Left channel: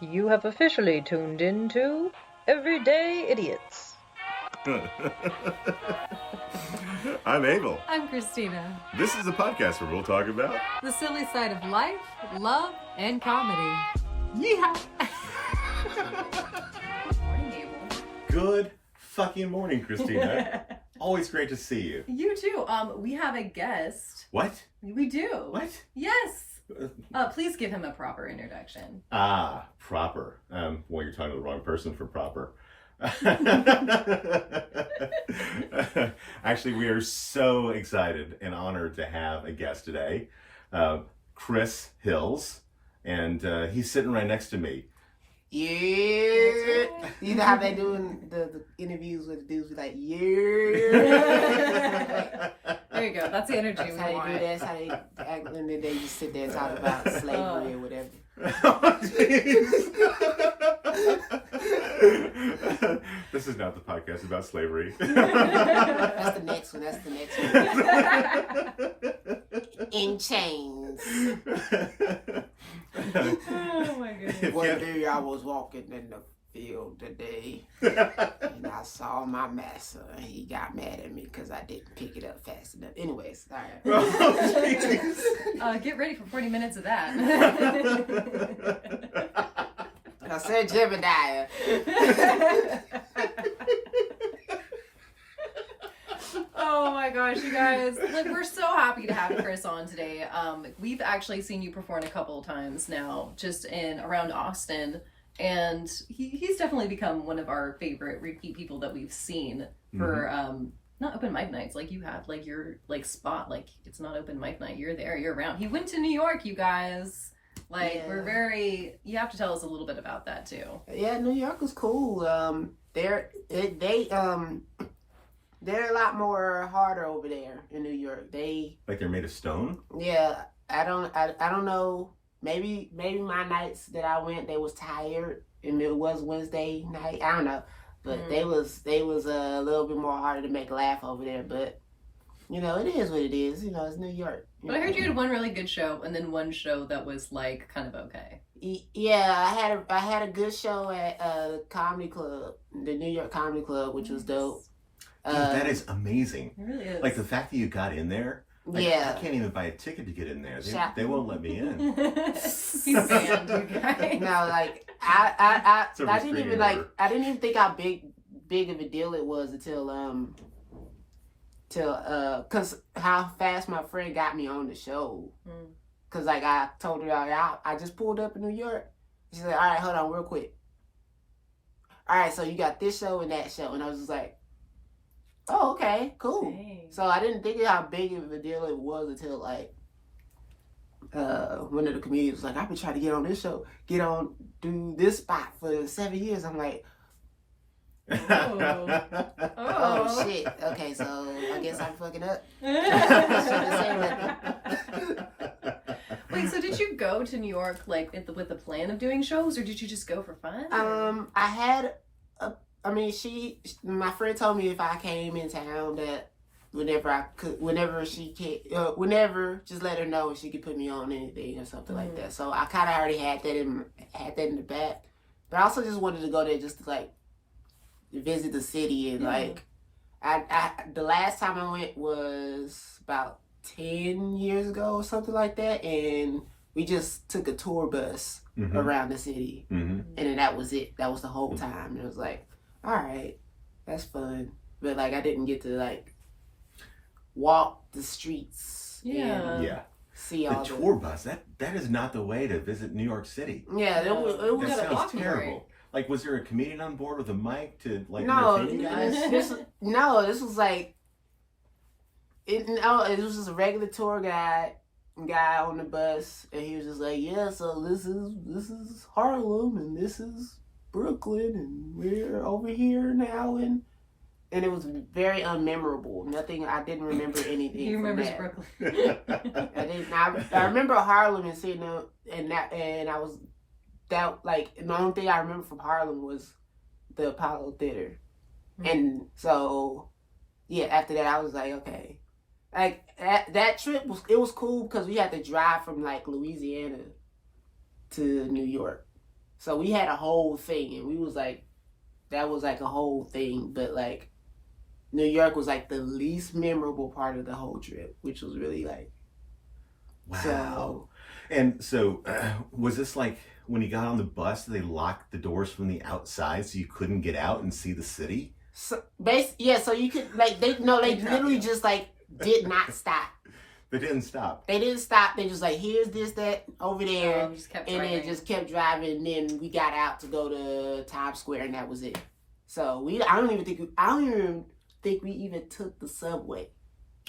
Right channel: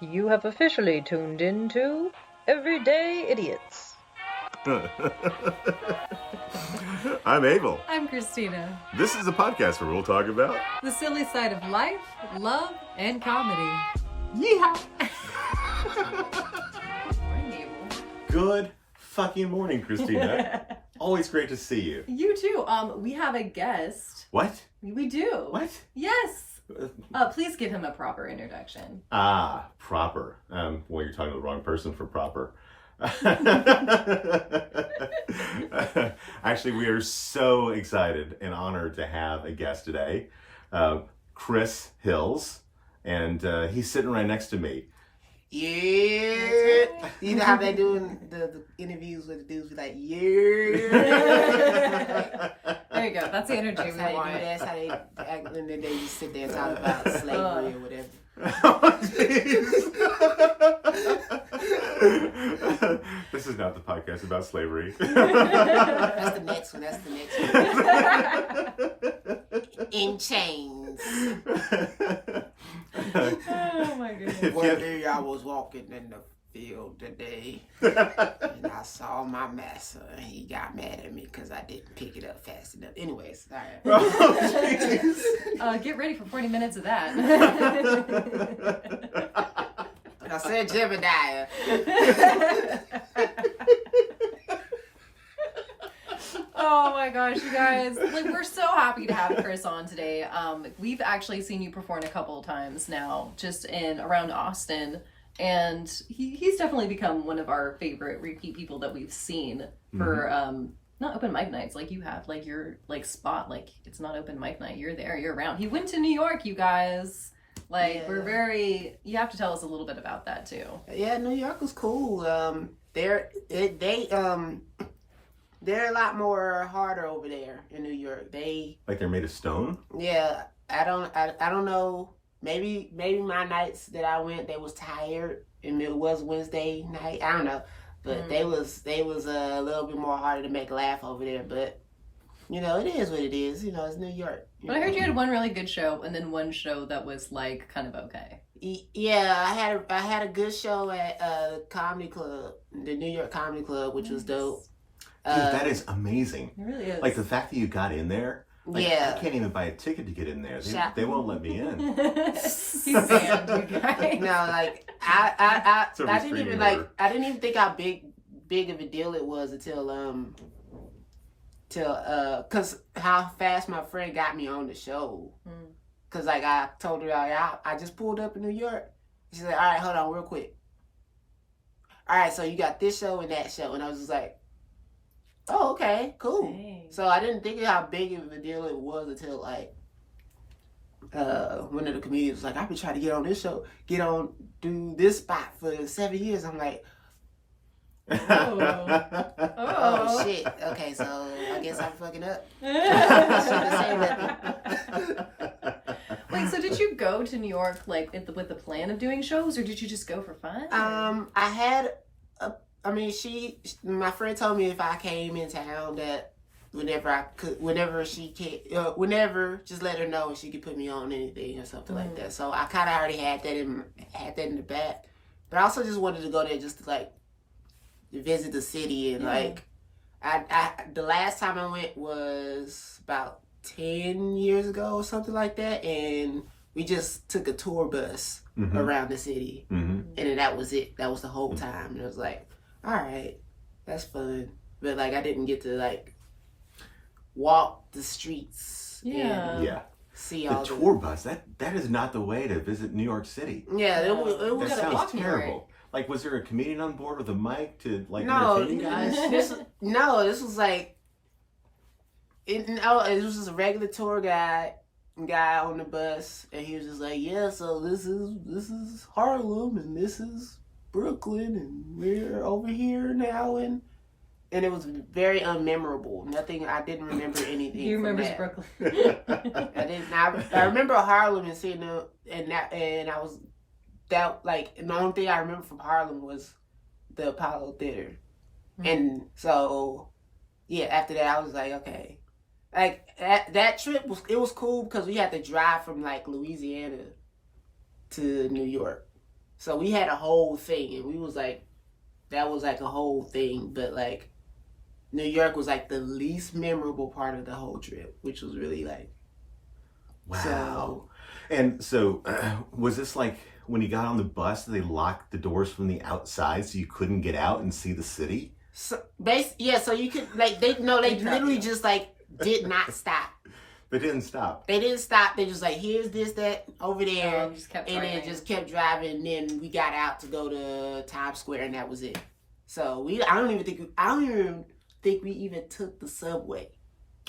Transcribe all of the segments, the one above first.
You have officially tuned into Everyday Idiots. I'm Abel. I'm Christina. This is a podcast where we'll talk about The silly side of life, love, and comedy. yeehaw. Morning, Abel. Good fucking morning, Christina. Always great to see you. You too. We have a guest. What? We do. What? Yes. Please give him a proper introduction. Proper. Well, you're talking to the wrong person for proper. Actually, we are so excited and honored to have a guest today, Chris Hills, and he's sitting right next to me. Yeah. You know how they do in the interviews with the dudes be like, yeah. There you go. That's the energy That's we how want. they do that. That's how they act when they just sit there and talk about slavery or whatever. Oh, this is not the podcast about slavery. That's the next one. In chains. Oh my goodness. One day I was walking in the field today and I saw my master and he got mad at me because I didn't pick it up fast enough. Anyways, all right. Get ready for 40 minutes of that. I said Jebediah. Oh my gosh, you guys. Like, we're so happy to have Chris on today. We've actually seen you perform a couple of times now, just in around Austin. And he's definitely become one of our favorite repeat people that we've seen for not open mic nights like you have. Like your spot, like it's not open mic night. You're there, you're around. He went to New York, you guys. Like you have to tell us a little bit about that too. Yeah, New York was cool. They're a lot more harder over there in New York. Like they're made of stone? Yeah, I don't know. Maybe my nights that I went, they was tired, and it was Wednesday night. I don't know, but they was a little bit more harder to make laugh over there. But you know, it is what it is. You know, it's New York. But I heard you had one really good show, and then one show that was like kind of okay. Yeah, I had a good show at Comedy Club, the New York Comedy Club, which was dope. Dude, that is amazing. It really is. Like the fact that you got in there. Like, yeah, I can't even buy a ticket to get in there. They won't let me in. He's banned, you guys. No, like I It's a didn't restraining even order. I didn't even think how big of a deal it was until cause how fast my friend got me on the show. Cause like I told her I just pulled up in New York. She's like, all right, hold on real quick. All right, so you got this show and that show, and I was just like, oh, okay, cool. Dang. So I didn't think of how big of a deal it was until like one of the comedians was like, I've been trying to get on this show, do this spot for 7 years. I'm like, oh shit. Okay, so I guess I'm fucking up. Wait, so did you go to New York like with the plan of doing shows, or did you just go for fun? I had my friend told me if I came in town that whenever just let her know if she could put me on anything or something like that. So I kind of already had that in the back, but I also just wanted to go there just to like visit the city and like I the last time I went was about 10 years ago or something like that, and we just took a tour bus around the city, and then that was it. That was the whole time, and it was like, all right, that's fun, but like I didn't get to like walk the streets and see all the tour bus. That is not the way to visit New York City. Yeah, it was That sounds terrible. Like, was there a comedian on board with a mic to like no, entertain you guys? this was like it was just a regular tour guy on the bus, and he was just like, yeah, so this is Harlem and this is Brooklyn and we're over here now, and it was very unmemorable. I didn't remember anything. You remember Brooklyn? I didn't. I remember Harlem and seeing them, and I was that like the only thing I remember from Harlem was the Apollo Theater, and so yeah. After that, I was like, okay. Like that trip was cool because we had to drive from like Louisiana to New York. So we had a whole thing, and we was like, that was like a whole thing. But like, New York was like the least memorable part of the whole trip, which was really like, Wow. So, And so, was this like when you got on the bus, they locked the doors from the outside so you couldn't get out and see the city? so so you could like they literally just like did not stop. They didn't stop. They didn't stop. They just like, here's this, that, over there, Just kept and driving. then just kept driving. And then we got out to go to Times Square, and that was it. So I don't even think we even took the subway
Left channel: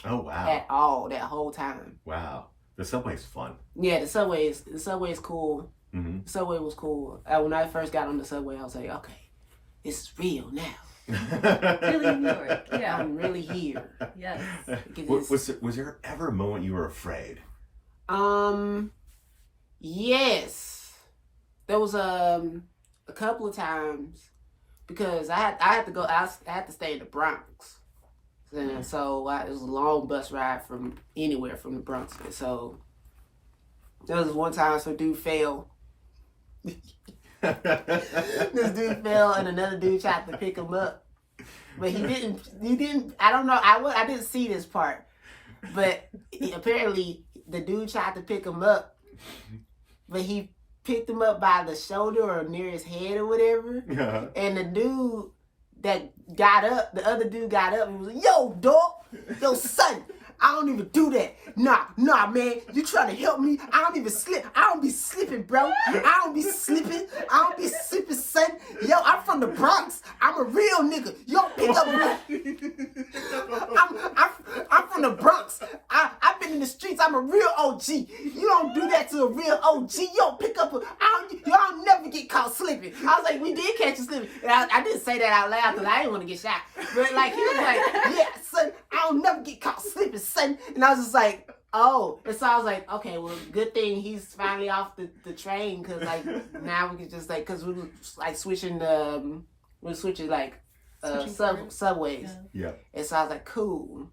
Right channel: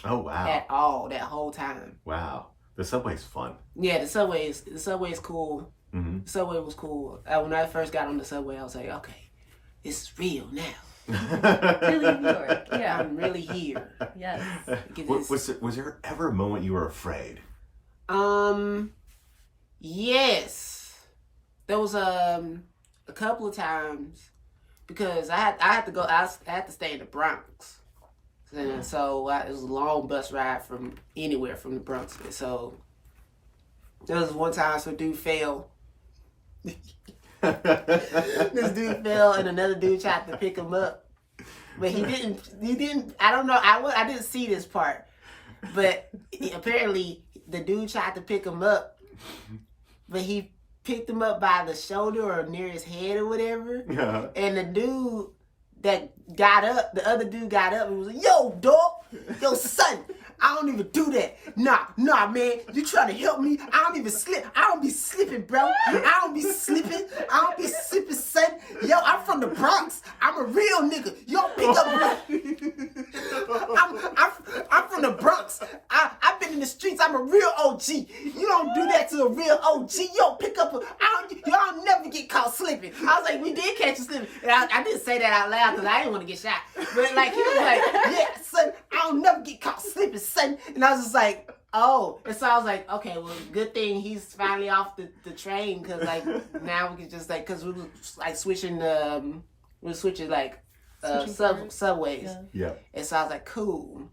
Oh, wow. at all that whole time. Wow. The subway's fun. Yeah, the subway is cool. Mm-hmm. The subway was cool. When I first got on the subway, I was like, okay, it's real now. Really New York. Yeah. I'm really here. Yes. Was there ever a moment you were afraid? Yes. There was a couple of times because I had to go. I had to stay in the Bronx, and so it was a long bus ride from anywhere from the Bronx. So there was one time some dude fell. This dude fell, and another dude tried to pick him up, but he didn't. I don't know. I didn't see this part, but apparently the dude tried to pick him up, but he picked him up by the shoulder or near his head or whatever. Yeah. And the dude that got up, the other dude got up and was like, "Yo, dog, yo, son, I don't even do that. Nah, man, you trying to help me? I don't even slip. I don't be slipping, bro. I don't be slipping. I don't be slipping, son. Yo, I'm from the Bronx. I'm a real nigga. Yo, pick up. I'm from the Bronx. I've been in the streets. I'm a real OG. You don't do that to a real OG. Yo, pick up. Y'all never get caught slipping." I was like, we did catch you slipping. And I didn't say that out loud because I didn't want to get shot. But like, he was like, "Yeah, son, I don't never get caught slipping, son." And I was just like, oh. And so I was like, okay, well, good thing he's finally off the train, because like now we can just like, because we were like switching like subways. Yeah. And so I was like, cool.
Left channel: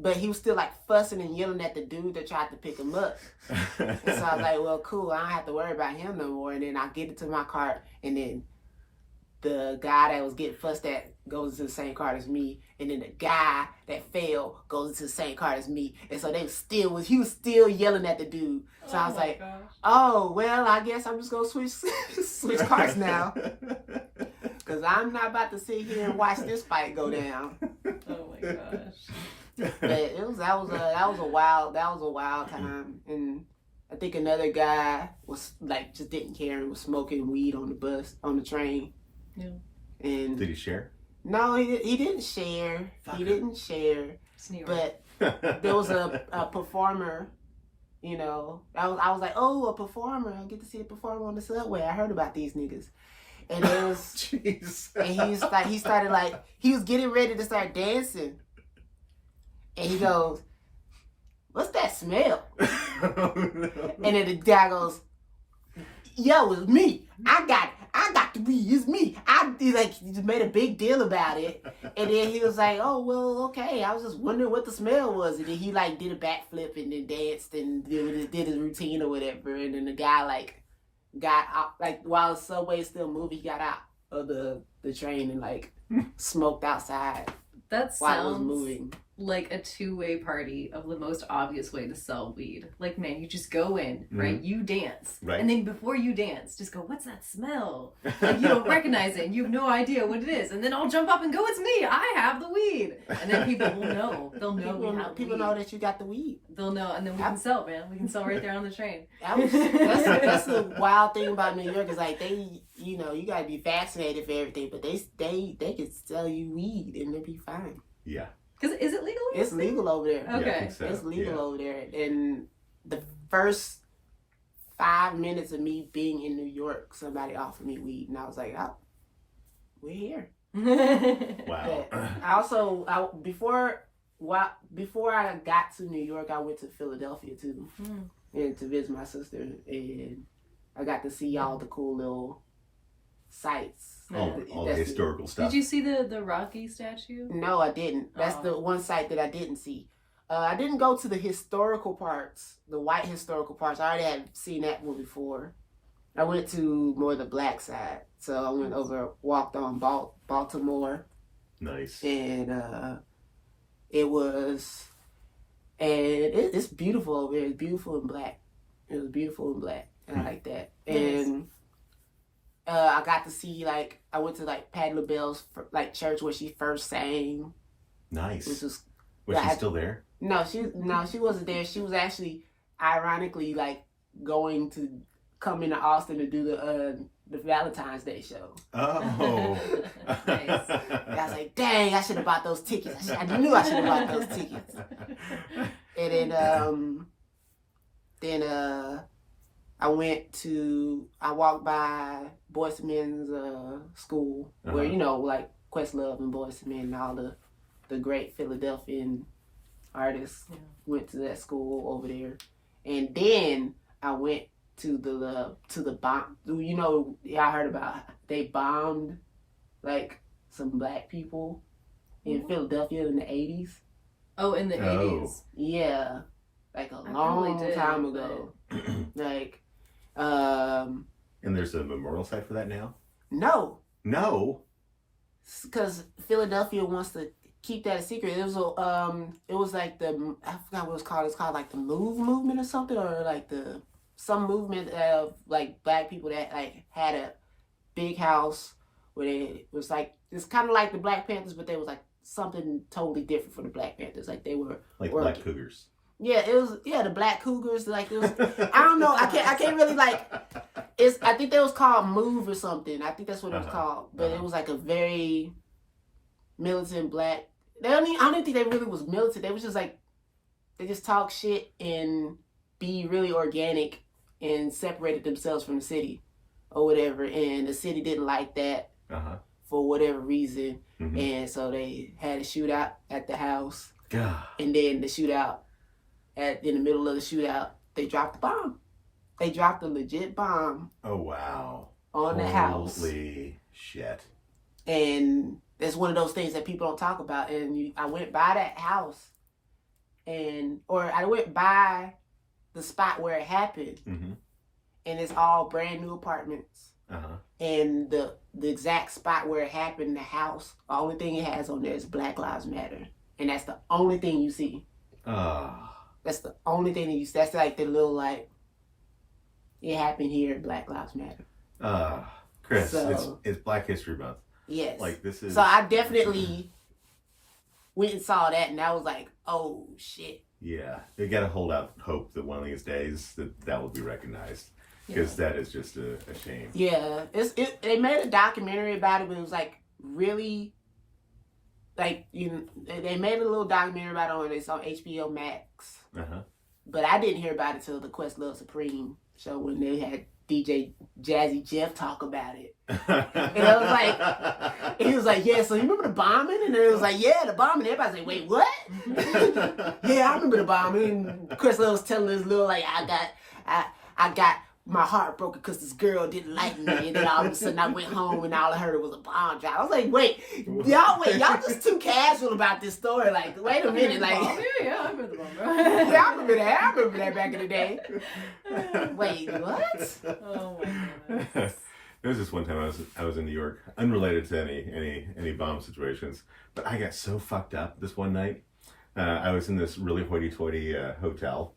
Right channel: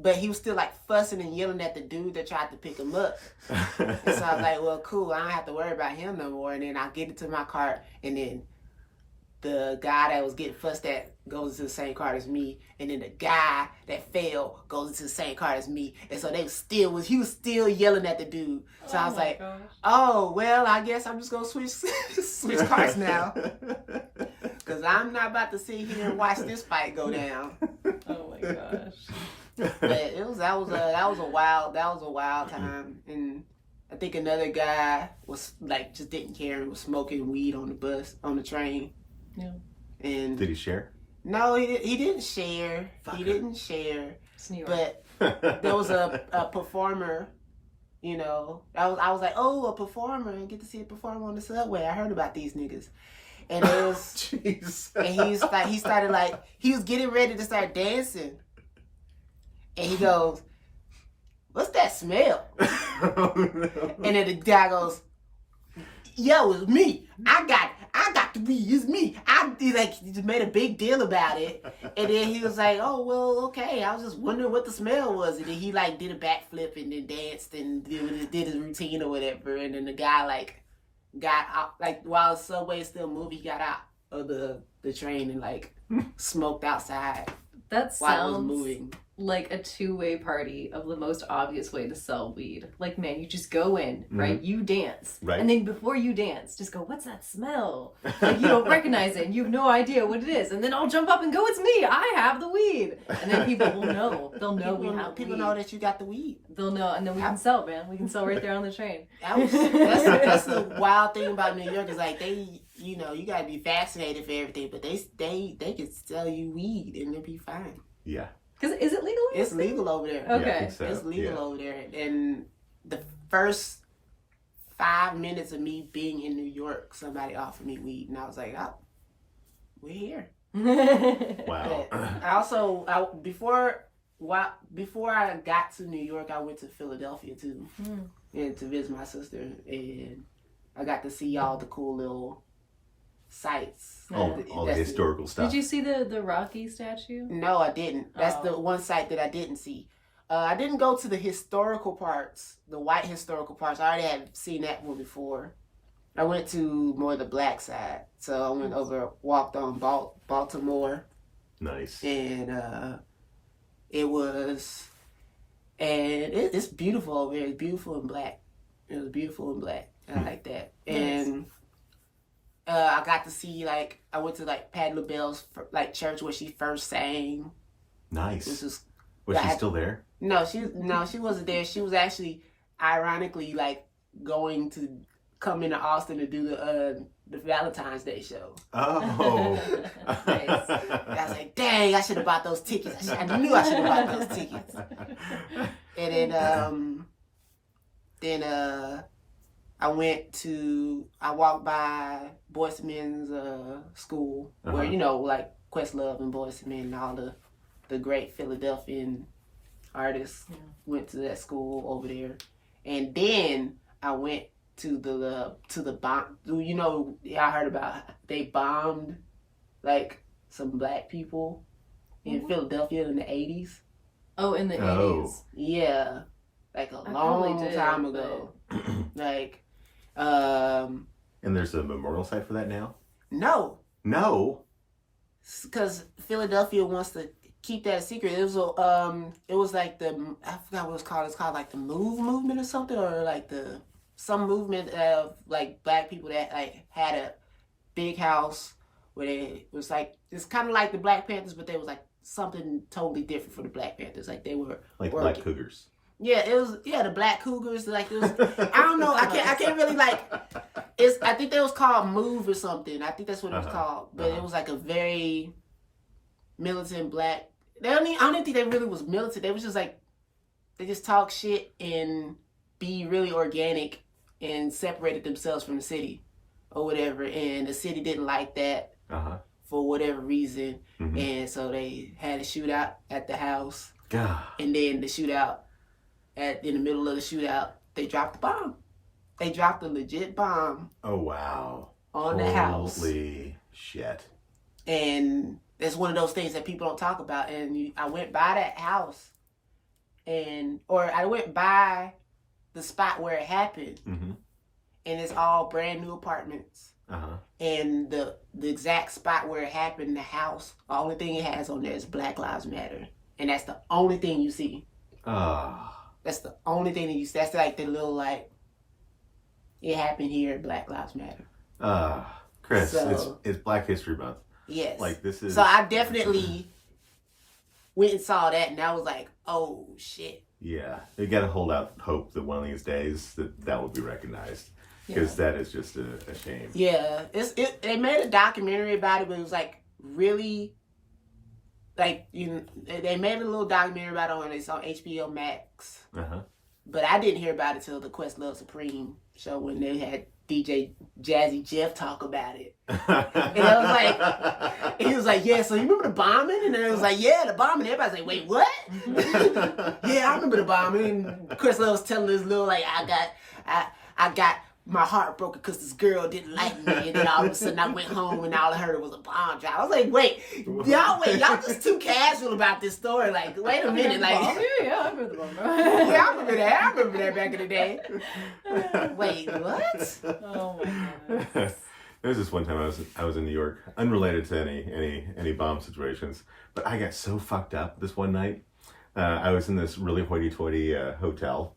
But he was still like fussing and yelling at the dude that tried to pick him up. And so I was like, well, cool, I don't have to worry about him no more. And then I get into my cart, and then the guy that was getting fussed at goes into the same cart as me, and then the guy that fell goes into the same cart as me. And so he was still yelling at the dude. So I was like, gosh. oh, well, I guess I'm just gonna switch carts now, because I'm not about to sit here and watch this fight go down. Oh my gosh. But that was a wild time. And I think another guy was like, just didn't care and was smoking weed on the train. Yeah. And Did he share? no, he didn't share. He didn't share. It's New York. But there was a performer, you know. I was like, oh, a performer. I get to see a performer on the subway. I heard about these niggas. And it was Jeez. and he was getting ready to start dancing. And he goes, "What's that smell?" And then the guy goes, "Yo, it's me. I got the weed. It's me." He just made a big deal about it. And then he was like, "Oh, well, okay. I was just wondering what the smell was." And then he like did a backflip and then danced and did his routine or whatever. And then the guy like got out, like while the subway was still moving, he got out of the train and like smoked outside That while it was sounds moving. like a two-way party of the most obvious way to sell weed. Like, man, you just go in, right? You dance. Right. And then before you dance, just go, "What's that smell?" Like, you don't recognize it and you have no idea what it is. And then I'll jump up and go, "It's me. I have the weed." And then people will know. They'll know People weed. know that you got the weed. They'll know. And then we can sell, man. We can sell right there on the train. That's the wild thing about New York is like they, you know, you gotta be vaccinated for everything, but they can sell you weed and it'll be fine. Yeah. Because is it legal? It's legal over there. Okay. Yeah, I think so. It's legal Yeah. over there. And the first 5 minutes of me being in New York, somebody offered me weed, and I was like, "Oh, we're here." Wow. But before I got to New York, I went to Philadelphia too, and to visit my sister, and I got to see all the cool little sites. All the historical stuff. Did you see the Rocky statue? No, I didn't. That's the one site that I didn't see. I didn't go to the historical parts, the white historical parts. I already had seen that one before. I went to more the black side. So I went over, walked on Baltimore. Nice. And it's beautiful over here. It's beautiful in black. It was beautiful in black. I like that. Nice. And I got to see, like, I went to, like, Patti LaBelle's, like, church where she first sang. Nice. Which was she still there? No, she wasn't there. She was actually, ironically, like, going to come into Austin to do the Valentine's Day show. Oh. Nice. And I was like, dang, I should have bought those tickets. I knew I should have bought those tickets. And then I walked by Boyz II Men's school, where, you know, like Questlove and Boyz II Men and all the great Philadelphian artists went to that school over there. And then I went to the bomb. You know, I heard about they bombed like some black people in Philadelphia in the 80s. Oh, in the 80s. Yeah, like a long time ago. Like, and there's a memorial site for that now? No, because Philadelphia wants to keep that a secret. It was like I forgot what it was called. It's called like the Move movement or something, or like some movement of like black people that like had a big house where it was like, it's kind of like the Black Panthers, but they was like something totally different for the Black Panthers. Like they were like Black Cougars. Yeah, it was. Yeah, the Black Cougars. Like it was. I don't know. I can't really like. I think they was called Move or something. I think that's what it was called. But it was like a very militant black. I don't think they really was militant. They was just like, they just talk shit and be really organic and separated themselves from the city or whatever. And the city didn't like that for whatever reason. Mm-hmm. And so they had a shootout at the house. And then the shootout, in the middle of the shootout, they dropped the bomb. They dropped a legit bomb. Oh, wow. On the house. Holy shit. And it's one of those things that people don't talk about. And I went by that house, or I went by the spot where it happened. Mm-hmm. And it's all brand new apartments. And the exact spot where it happened, the house, the only thing it has on there is Black Lives Matter. And that's the only thing you see. That's the only thing that you see. That's like the little, like, it happened here, Black Lives Matter. Chris, it's Black History Month. Yes. Like, this is... So I definitely went and saw that, and I was like, oh, shit. Yeah. You got to hold out hope that one of these days that will be recognized. Because that is just a shame. Yeah. They made a documentary about it, but it was, like, really... Like, they made a little documentary about it. It's on HBO Max. But I didn't hear about it till the Questlove Supreme show when they had DJ Jazzy Jeff talk about it. And I was like, he was like, yeah, so you remember the bombing? And then it was like, yeah, the bombing. Everybody's like, wait, what? Yeah, I remember the bombing. And Questlove was telling this little, like, I got my heart broken because this girl didn't like me, and then all of a sudden I went home and all I heard was a bomb drop. I was like, wait, y'all just too casual about this story. Like, wait a minute, like, yeah, I remember the bomb. Yeah, I remember that back in the day. Wait, what? Oh my goodness. There was this one time I was in New York, unrelated to any bomb situations, but I got so fucked up this one night. I was in this really hoity-toity hotel,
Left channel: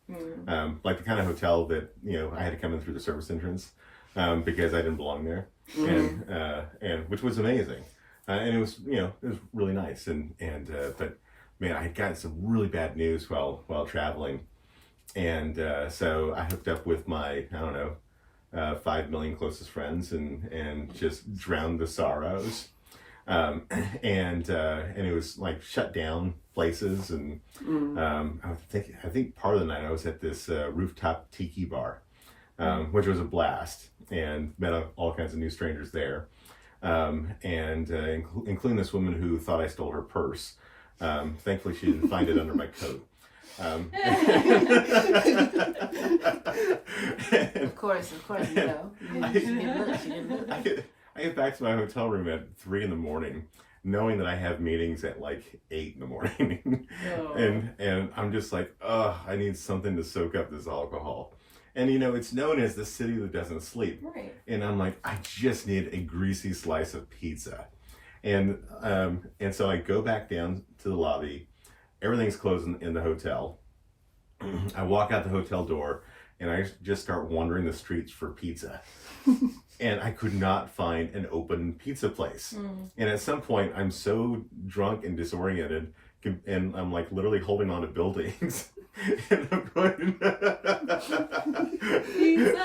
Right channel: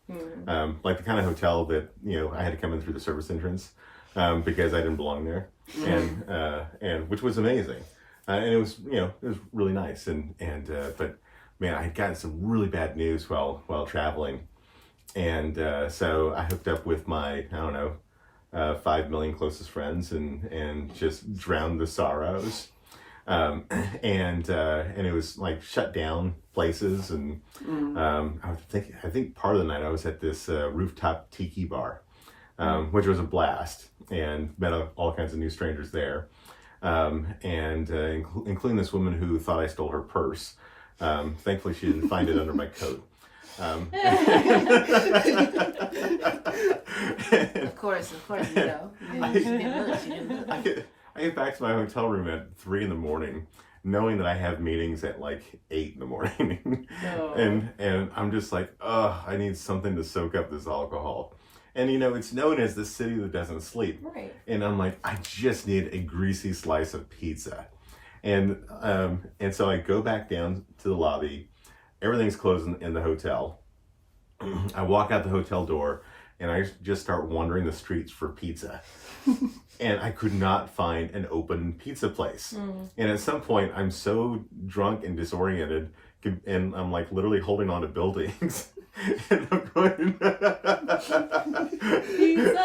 like the kind of hotel that, I had to come in through the service entrance because I didn't belong there, and which was amazing, and it was really nice, but man, I had gotten some really bad news while traveling, and so I hooked up with my 5 million closest friends and just drowned the sorrows. And it was like shut down places, and I think part of the night I was at this rooftop tiki bar, which was a blast, and met all kinds of new strangers there, including this woman who thought I stole her purse. Thankfully, she didn't find it under my coat. Of course, She didn't look. I get back to my hotel room at 3 a.m, knowing that I have meetings at like 8 a.m, and I'm just like, I need something to soak up this alcohol, And it's known as the city that doesn't sleep. Right. And I'm like, I just need a greasy slice of pizza. And so I go back down to the lobby. Everything's closed in the hotel. I walk out the hotel door and I just start wandering the streets for pizza. And I could not find an open pizza place. And at some point, I'm so drunk and disoriented, and I'm like literally holding on to buildings. And I'm going, Pizza!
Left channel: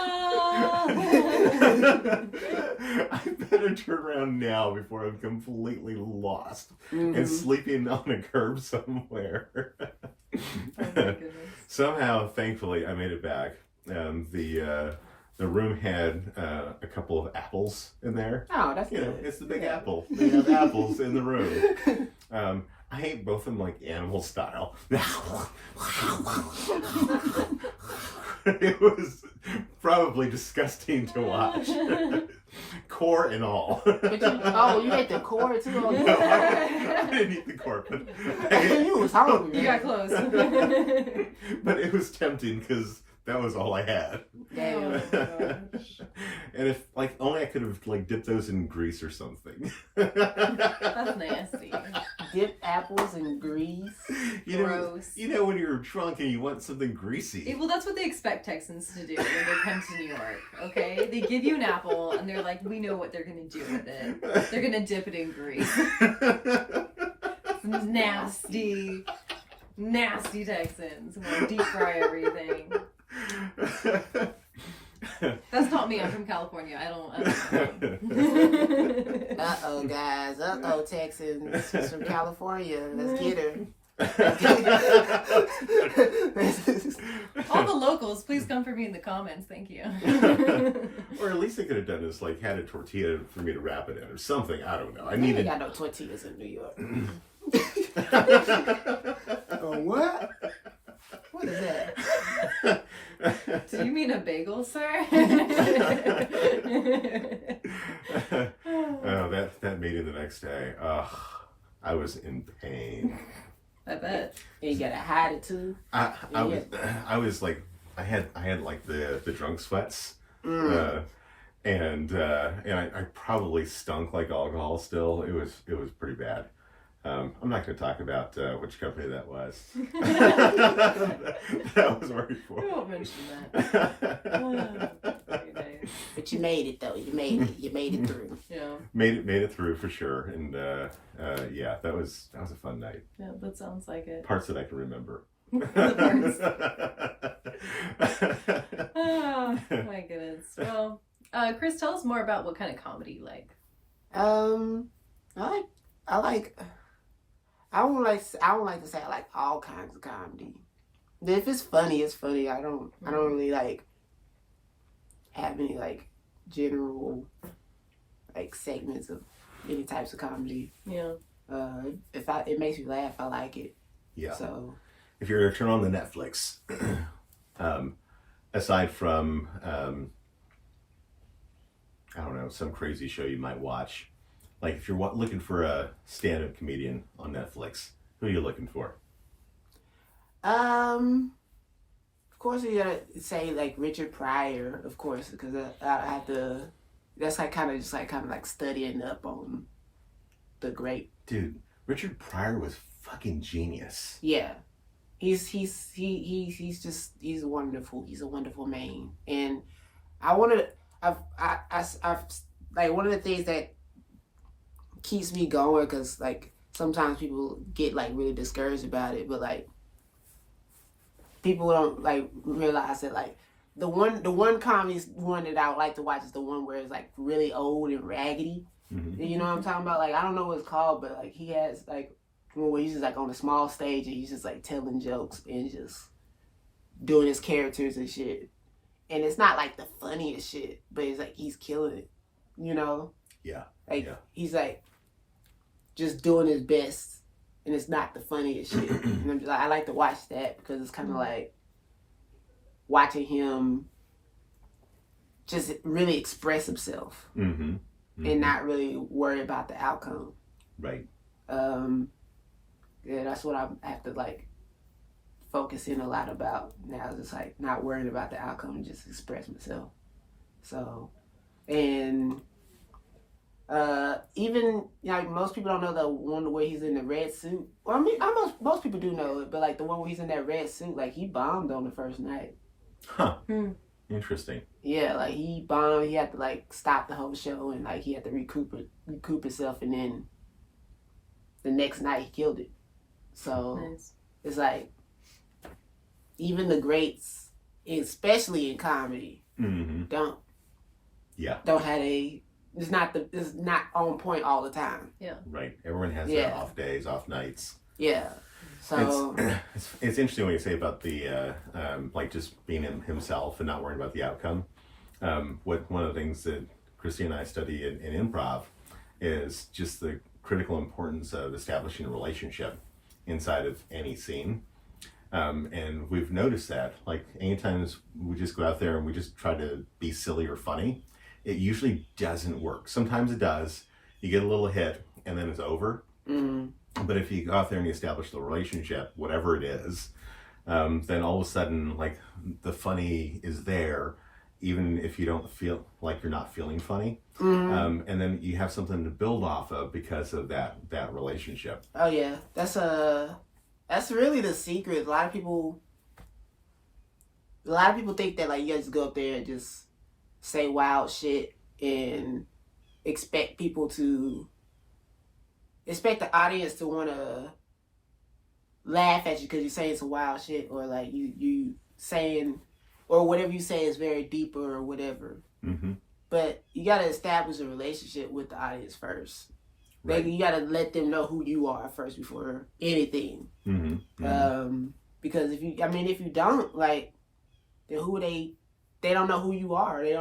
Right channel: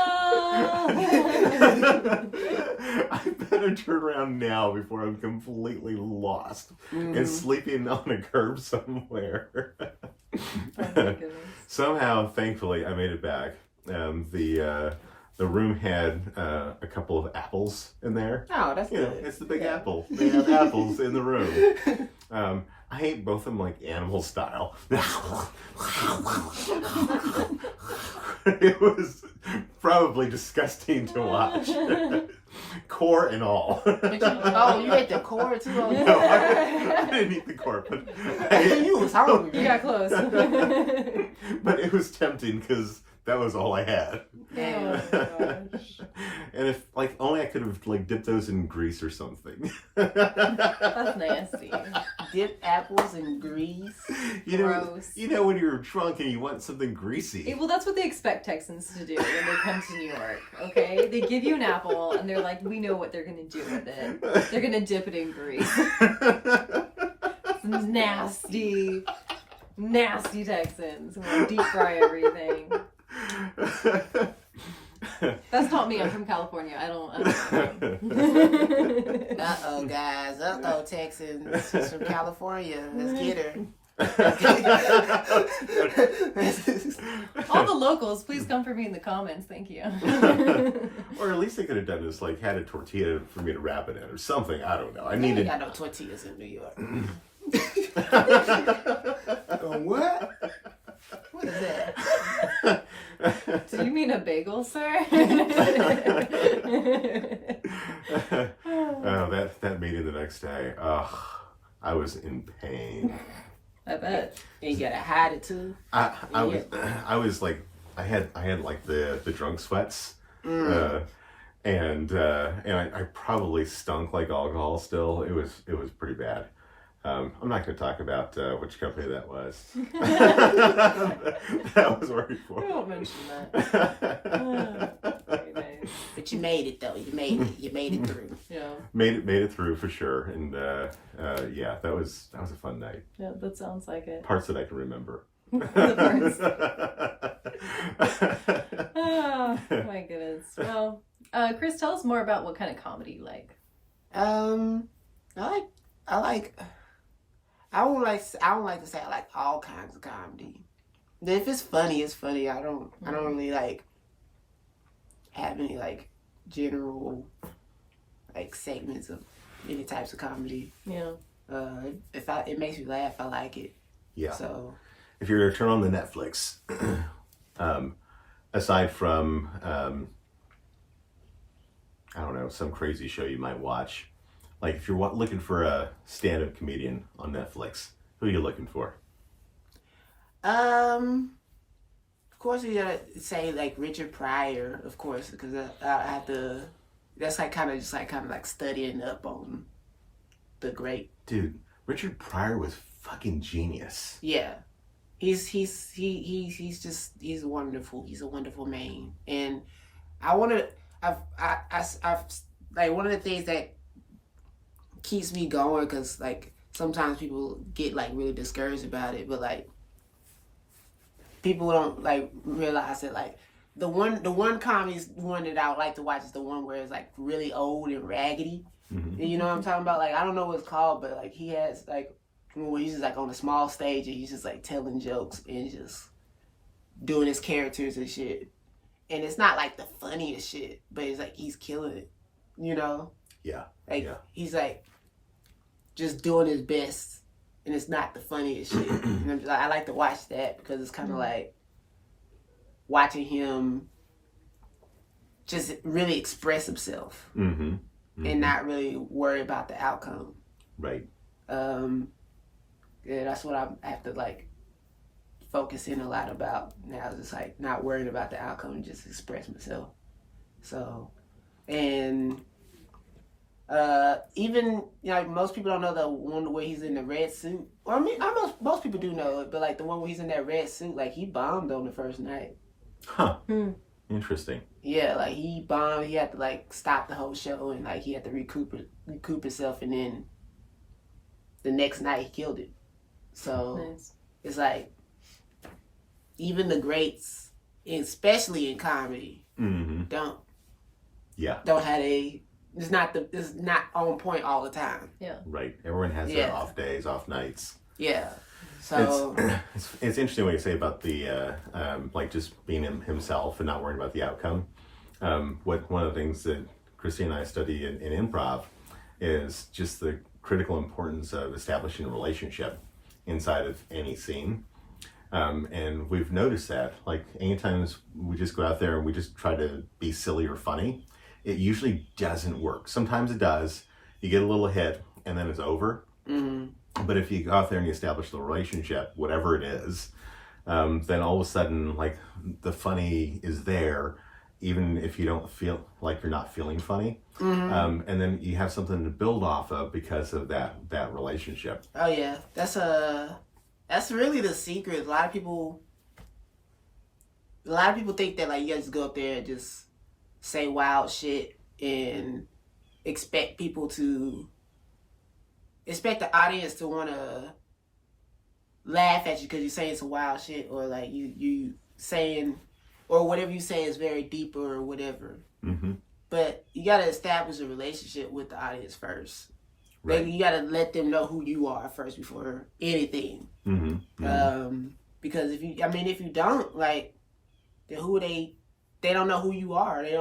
I better turn around now before I'm completely lost and sleeping on a curb somewhere. Oh my goodness. Somehow, thankfully, I made it back. The room had a couple of apples in there. Oh, that's good. It's the Big Apple. They have apples in the room. I ate both of them like animal style. It was probably disgusting to watch. Core and all. You ate the core too? Oh, No, I didn't eat the core, but you was hungry. You got close. but it was tempting because that was all I had. Damn. Oh my gosh. And if only I could have dipped those in grease or something. That's nasty. Dip apples in grease. Gross. When you're drunk and you want something greasy. Well, that's what they expect Texans to do when they come to New York, okay? They give you an apple, and they're like, we know what they're going to do with it. They're going to dip it in grease. Some nasty, nasty Texans who want to deep fry everything. That's not me. I'm from California. I don't know. Uh-oh, guys. Uh-oh, Texans. She's from California. Let's get her. All the locals, please come for me in the comments. Thank you. Or at least they could have done is had a tortilla for me to wrap it in or something. I don't know. I We ain't needed. got no tortillas in New York. What? What is that? Do you mean a bagel, sir? Oh, that meeting the next day. Ugh, I was in pain. I bet. And you gotta hide it too. I had like the drunk sweats. And I probably stunk like alcohol still. It was pretty bad. I'm not going to talk about which company that was. That was worried for. I won't mention that. Very nice. But you made it though. You made it. You made it through. Yeah. Made it through for sure. And yeah, that was a fun night. Yeah, that sounds like it. Parts that I can remember. Oh my goodness. Well, Chris, tell us more about what kind of comedy you like. I don't like to say I like all kinds of comedy. If it's funny, it's funny. I don't really have any general segments of any types of comedy. Yeah. It makes me laugh, I like it. Yeah. So if you're to turn on the Netflix, aside from I don't know, some crazy show you might watch, if you're looking for a stand-up comedian on Netflix, who are you looking for? of course you gotta say Richard Pryor, of course, because I have to. That's kind of studying up on the great Dude. Richard Pryor was fucking genius. Yeah. He's wonderful. He's a wonderful man. And I've one of the things that keeps me going, because sometimes people get really discouraged about it, but people don't realize that the one comedy one that I would like to watch is the one where it's really old and raggedy. Mm-hmm. You know what I'm talking about? I don't know what it's called, but he has where he's just on a small stage and he's just telling jokes and just doing his characters and shit. And it's not the funniest shit, but it's he's killing it. You know? Yeah. He's just doing his best, and it's not the funniest shit. And I'm just, I like to watch that because it's kind of watching him just really express himself. Mm-hmm. Mm-hmm. And not really worry about the outcome. Right. Yeah, that's what I have to focusing a lot about now, just like not worrying about the outcome and just express myself. So, and even, you know, most people don't know the one where he's in the red suit. Well, I mean, most people do know it, but like the one where he's in that red suit, like he bombed on the first night. Huh. Interesting. Yeah, like he bombed. He had to like stop the whole show, and like he had to recoup himself, and then the next night he killed it. So Nice. it's like even the greats, especially in comedy, don't have it's not on point all the time. Yeah. Right. Everyone has their off days, off nights. Yeah. So it's interesting what you say about the like just being himself and not worrying about the outcome. One of the things that Christina and I study in improv is just the critical importance of establishing a relationship inside of any scene. And we've noticed that, like, anytime we just go out there and we just try to be silly or funny, it usually doesn't work. Sometimes it does. You get a little hit and then it's over. But if you go out there and you establish the relationship, whatever it is, then all of a sudden, like, the funny is there, even if you don't feel like you're not feeling funny. And then you have something to build off of because of that relationship. Oh yeah, that's really the secret. A lot of people think that like you guys go up there and just say wild shit and expect the audience to want to laugh at you because you're saying some wild shit, or like you saying, or whatever you say is very deep or whatever. But you got to establish a relationship with the audience first. Right. Like, you got to let them know who you are first before anything. Because if you don't, like, then they don't know who you are. They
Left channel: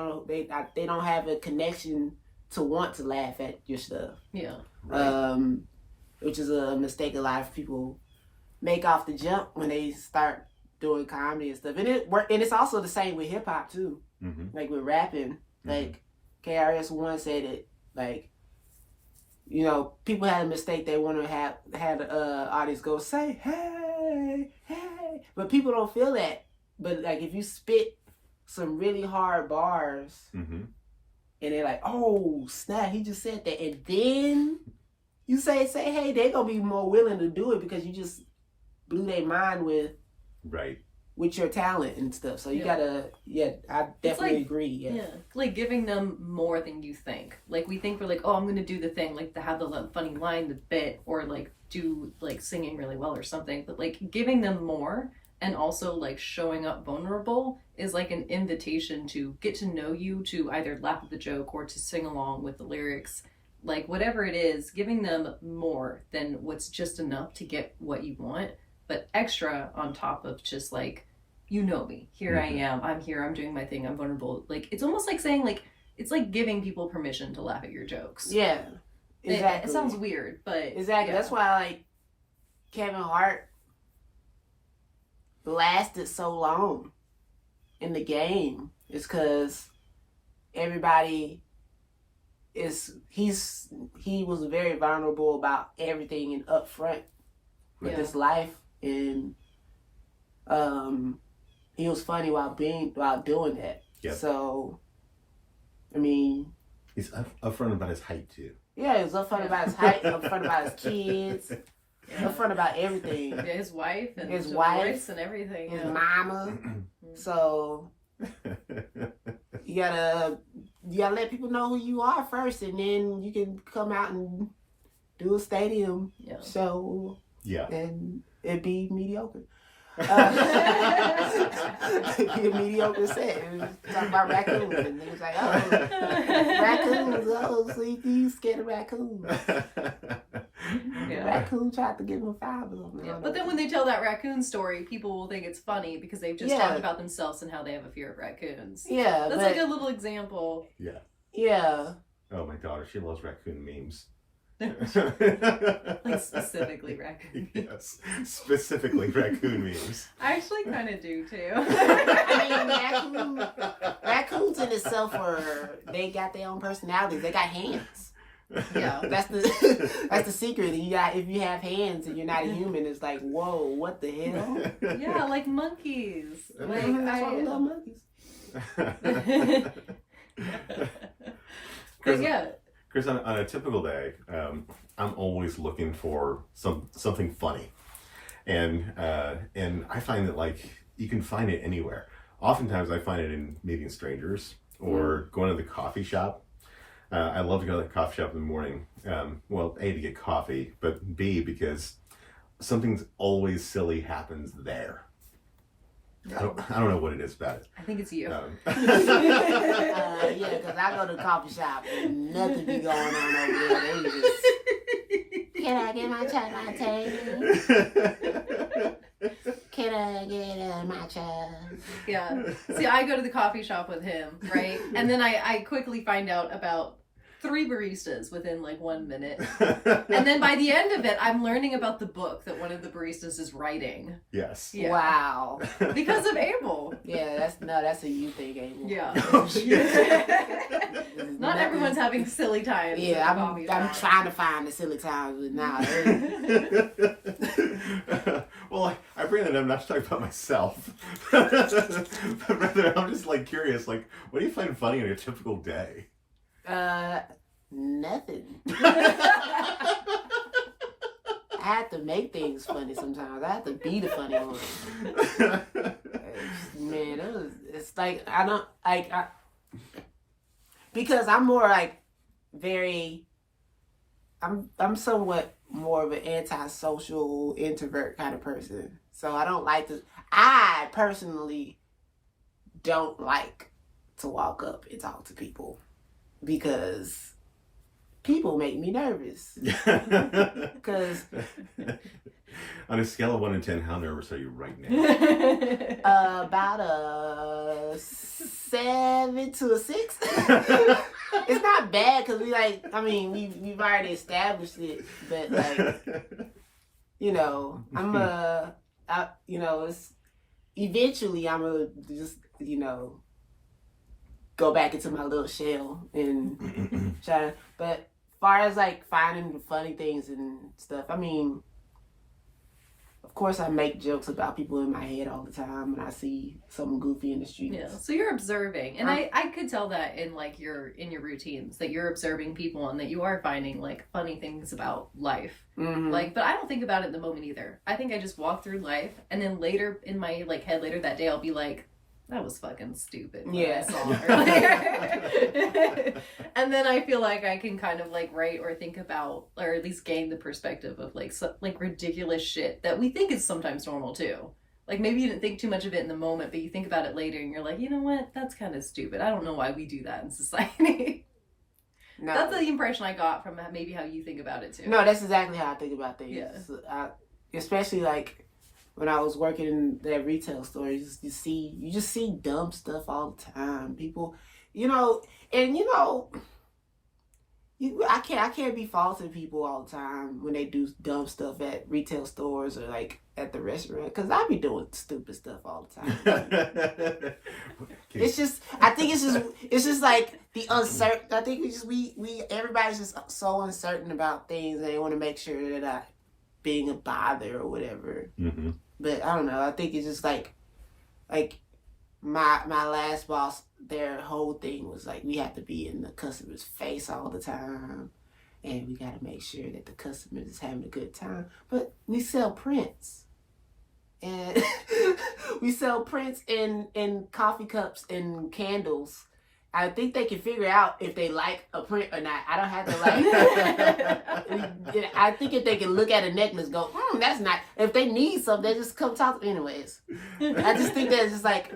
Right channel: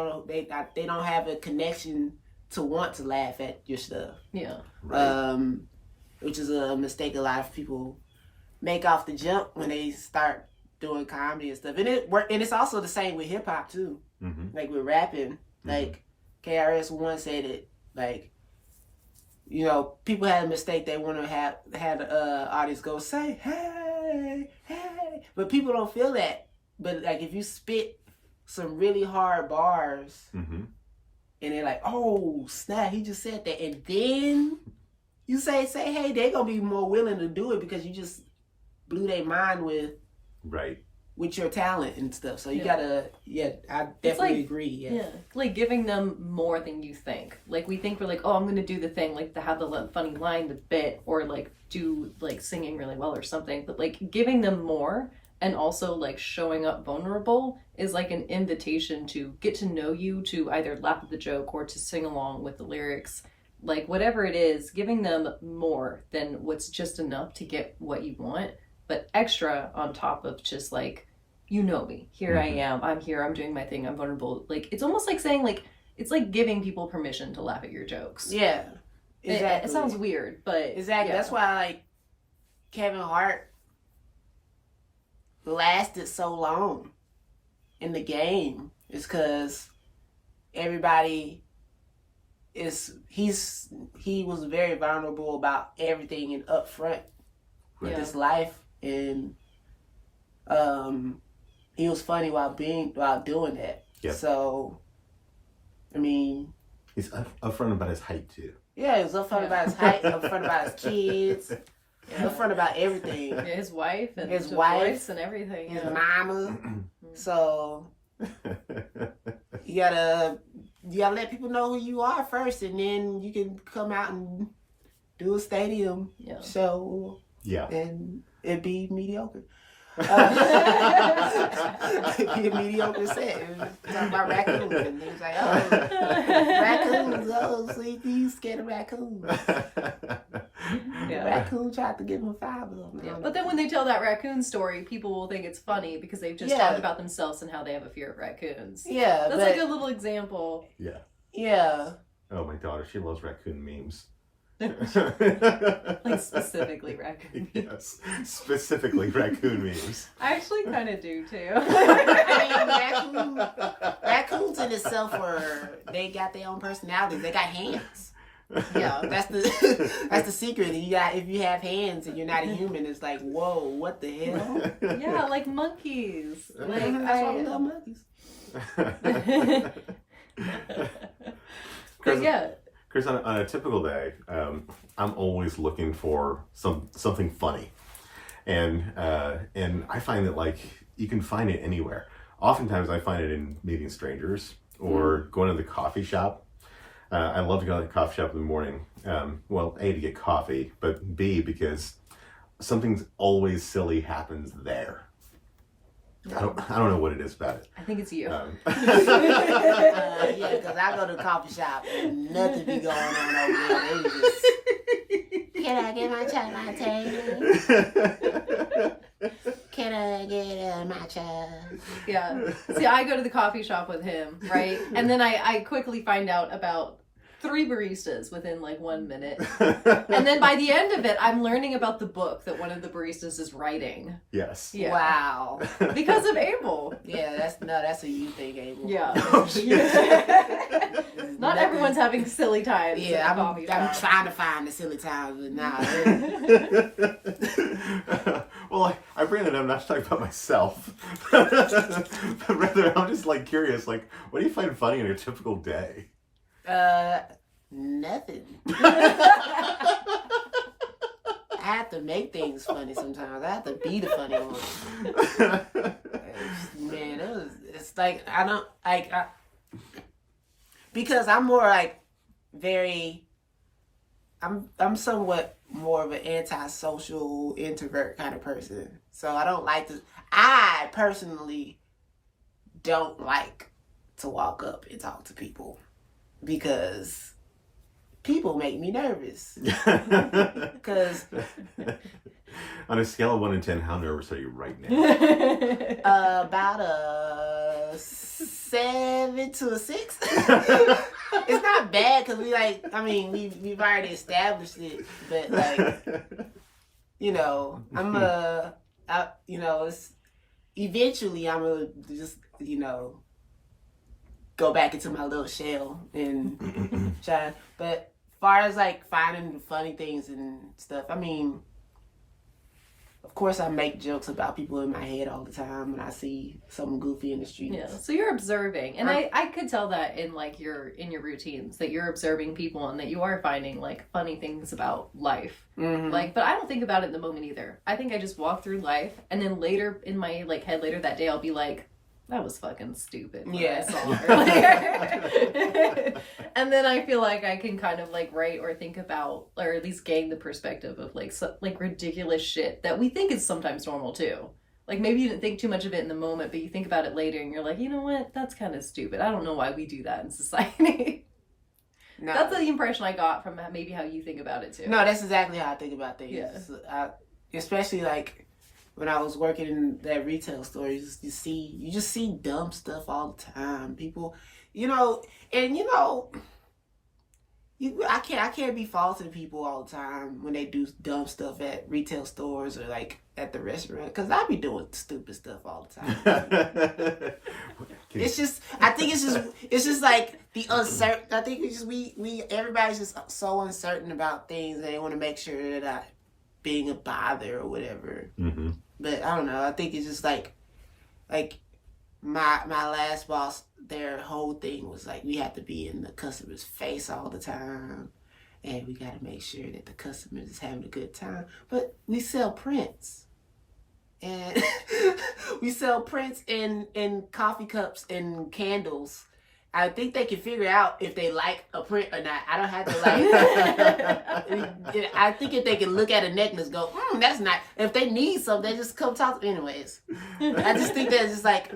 don't have a connection to want to laugh at your stuff. Yeah. Right. Which is a mistake a lot of people make off the jump when they start doing comedy and stuff. And it's also the same with hip hop too. Like with rapping. Like KRS-One said it, like, you know, people had a mistake. They want to have the audience go say, hey, hey. But people don't feel that. But like if you spit some really hard bars and they're like, oh, snap, he just said that. And then you say, hey, they're going to be more willing to do it because you just blew their mind with your talent and stuff. So you gotta, I definitely agree. Yeah, like giving them more than you think. Like we think we're like, oh, I'm gonna do the thing, like to have the funny line, the bit, or like do like singing really well or something. But like giving them more and also like showing up vulnerable is like an invitation to get to know you, to either laugh at the joke or to sing along with the lyrics. Like whatever it is, giving them more than what's just enough to get what you want, but extra on top of just like, you know me, here I am, I'm here, I'm doing my thing, I'm vulnerable. Like it's almost like saying, like, it's like giving people permission to laugh at your jokes. Yeah, exactly. It sounds weird, but exactly. That's why like Kevin Hart lasted so long in the game. It's because everybody he was very vulnerable about everything and upfront with his life, and he was funny while doing that. Yep. So, I mean, he's upfront about his height too. Yeah, he was upfront about his height, upfront about his kids, upfront about everything. Yeah, his wife and his voice and everything. His mama. So you gotta let people know who you are first, and then you can come out and do a stadium show. Yeah. And it'd be mediocre. It'd be a mediocre set. Talk about raccoons. And it's like, oh, raccoons. Oh, so you scared of raccoons. Raccoon tried to give him 5 of them. Yeah. But then when they tell that raccoon story, people will think it's funny because they've just talked about themselves and how they have a fear of raccoons. Yeah. That's like a little example. Yeah. Yeah. Oh, my daughter, she loves raccoon memes. Like specifically raccoon memes. Yes, specifically raccoon memes. I actually kind of do too. I mean, raccoons in itself they got their own personalities. They got hands. Yeah. That's the that's the secret. If you have hands and you're not a human, it's like, whoa, what the hell? Yeah, like monkeys. Like That's why we love monkeys. But yeah. Chris, on a typical day, I'm always looking for something funny, and I find that like you can find it anywhere. Oftentimes, I find it in meeting strangers or going to the coffee shop. I love to go to the coffee shop in the morning. Well, A, to get coffee, but B, because something's always silly happens there. I don't know what it is about it. I think it's you. Yeah, because I go to the coffee shop and nothing be going on over there. They just, can I get my chai latte? Can I get a matcha? Yeah. See, I go to the coffee shop with him, right? And then I quickly find out about 3 baristas within like 1 minute. And then by the end of it, I'm learning about the book that one of the baristas is writing. Yes. Yeah. Wow. Because of Abel. Yeah, that's a you thing, Abel. Yeah. Oh, shit. Not everyone's having silly times. Yeah, at the coffee I'm shop. trying to find the silly times, but now. Well, I bring it up not to talk about myself, but rather I'm just like curious, like, what do you find funny in a typical day? Nothing. I have to make things funny sometimes. I have to be the funny one. Man, it's like, I don't, like, because I'm more like I'm somewhat more of an antisocial introvert kind of person. So I personally don't like to walk up and talk to people because people make me nervous. Because on a scale of 1 to 10, how nervous are you right now? about a 7 to a 6. It's not bad because we've already established it, but like, it's eventually I'm gonna just go back into my little shell and try. But as far as like finding the funny things and stuff, of course I make jokes about people in my head all the time when I see something goofy in the streets. Yeah, so you're observing, and I could tell that in like your routines that you're observing people and that you are finding like funny things about life. Mm-hmm. Like, but I don't think about it in the moment either. I think I just walk through life, and then later in my like head later that day I'll be like, that was fucking stupid when I saw her. And then I feel like I can kind of like write or think about, or at least gain the perspective of like ridiculous shit that we think is sometimes normal too. Like maybe you didn't think too much of it in the moment, but you think about it later and you're like, you know what? That's kind of stupid. I don't know why we do that in society. No. That's the impression I got from maybe how you think about it too. No, that's exactly how I think about things. Yeah. Especially like when I was working in that retail store, you just see dumb stuff all the time. People, I can't be faulting people all the time when they do dumb stuff at retail stores or like at the restaurant, because I be doing stupid stuff all the time. It's just like the uncertain. I think everybody's just so uncertain about things that they want to make sure they're not being a bother or whatever. Mm-hmm. But I don't know. I think it's just like my last boss, their whole thing was like, we have to be in the customer's face all the time, and we got to make sure that the customer is having a good time. But we sell prints, and we sell prints in coffee cups and candles. I think they can figure out if they like a print or not. I don't have to like. I think if they can look at a necklace, go, that's not. If they need something, they just come talk. Anyways, I just think that's just like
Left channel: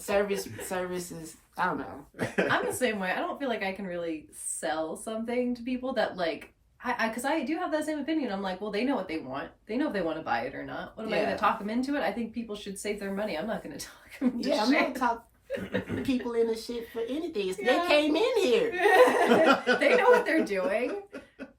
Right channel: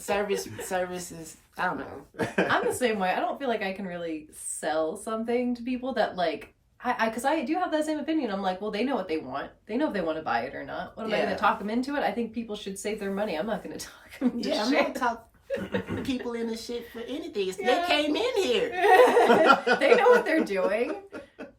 services. I don't know. I'm the same way. I don't feel like I can really sell something to people that like. Because I do have that same opinion. I'm like, well, they know what they want. They know if they want to buy it or not. What am I going to talk them into it? I think people should save their money. I'm not going to talk them into I'm shit. not talking people in the shit for anything. They came in here. They know what they're doing.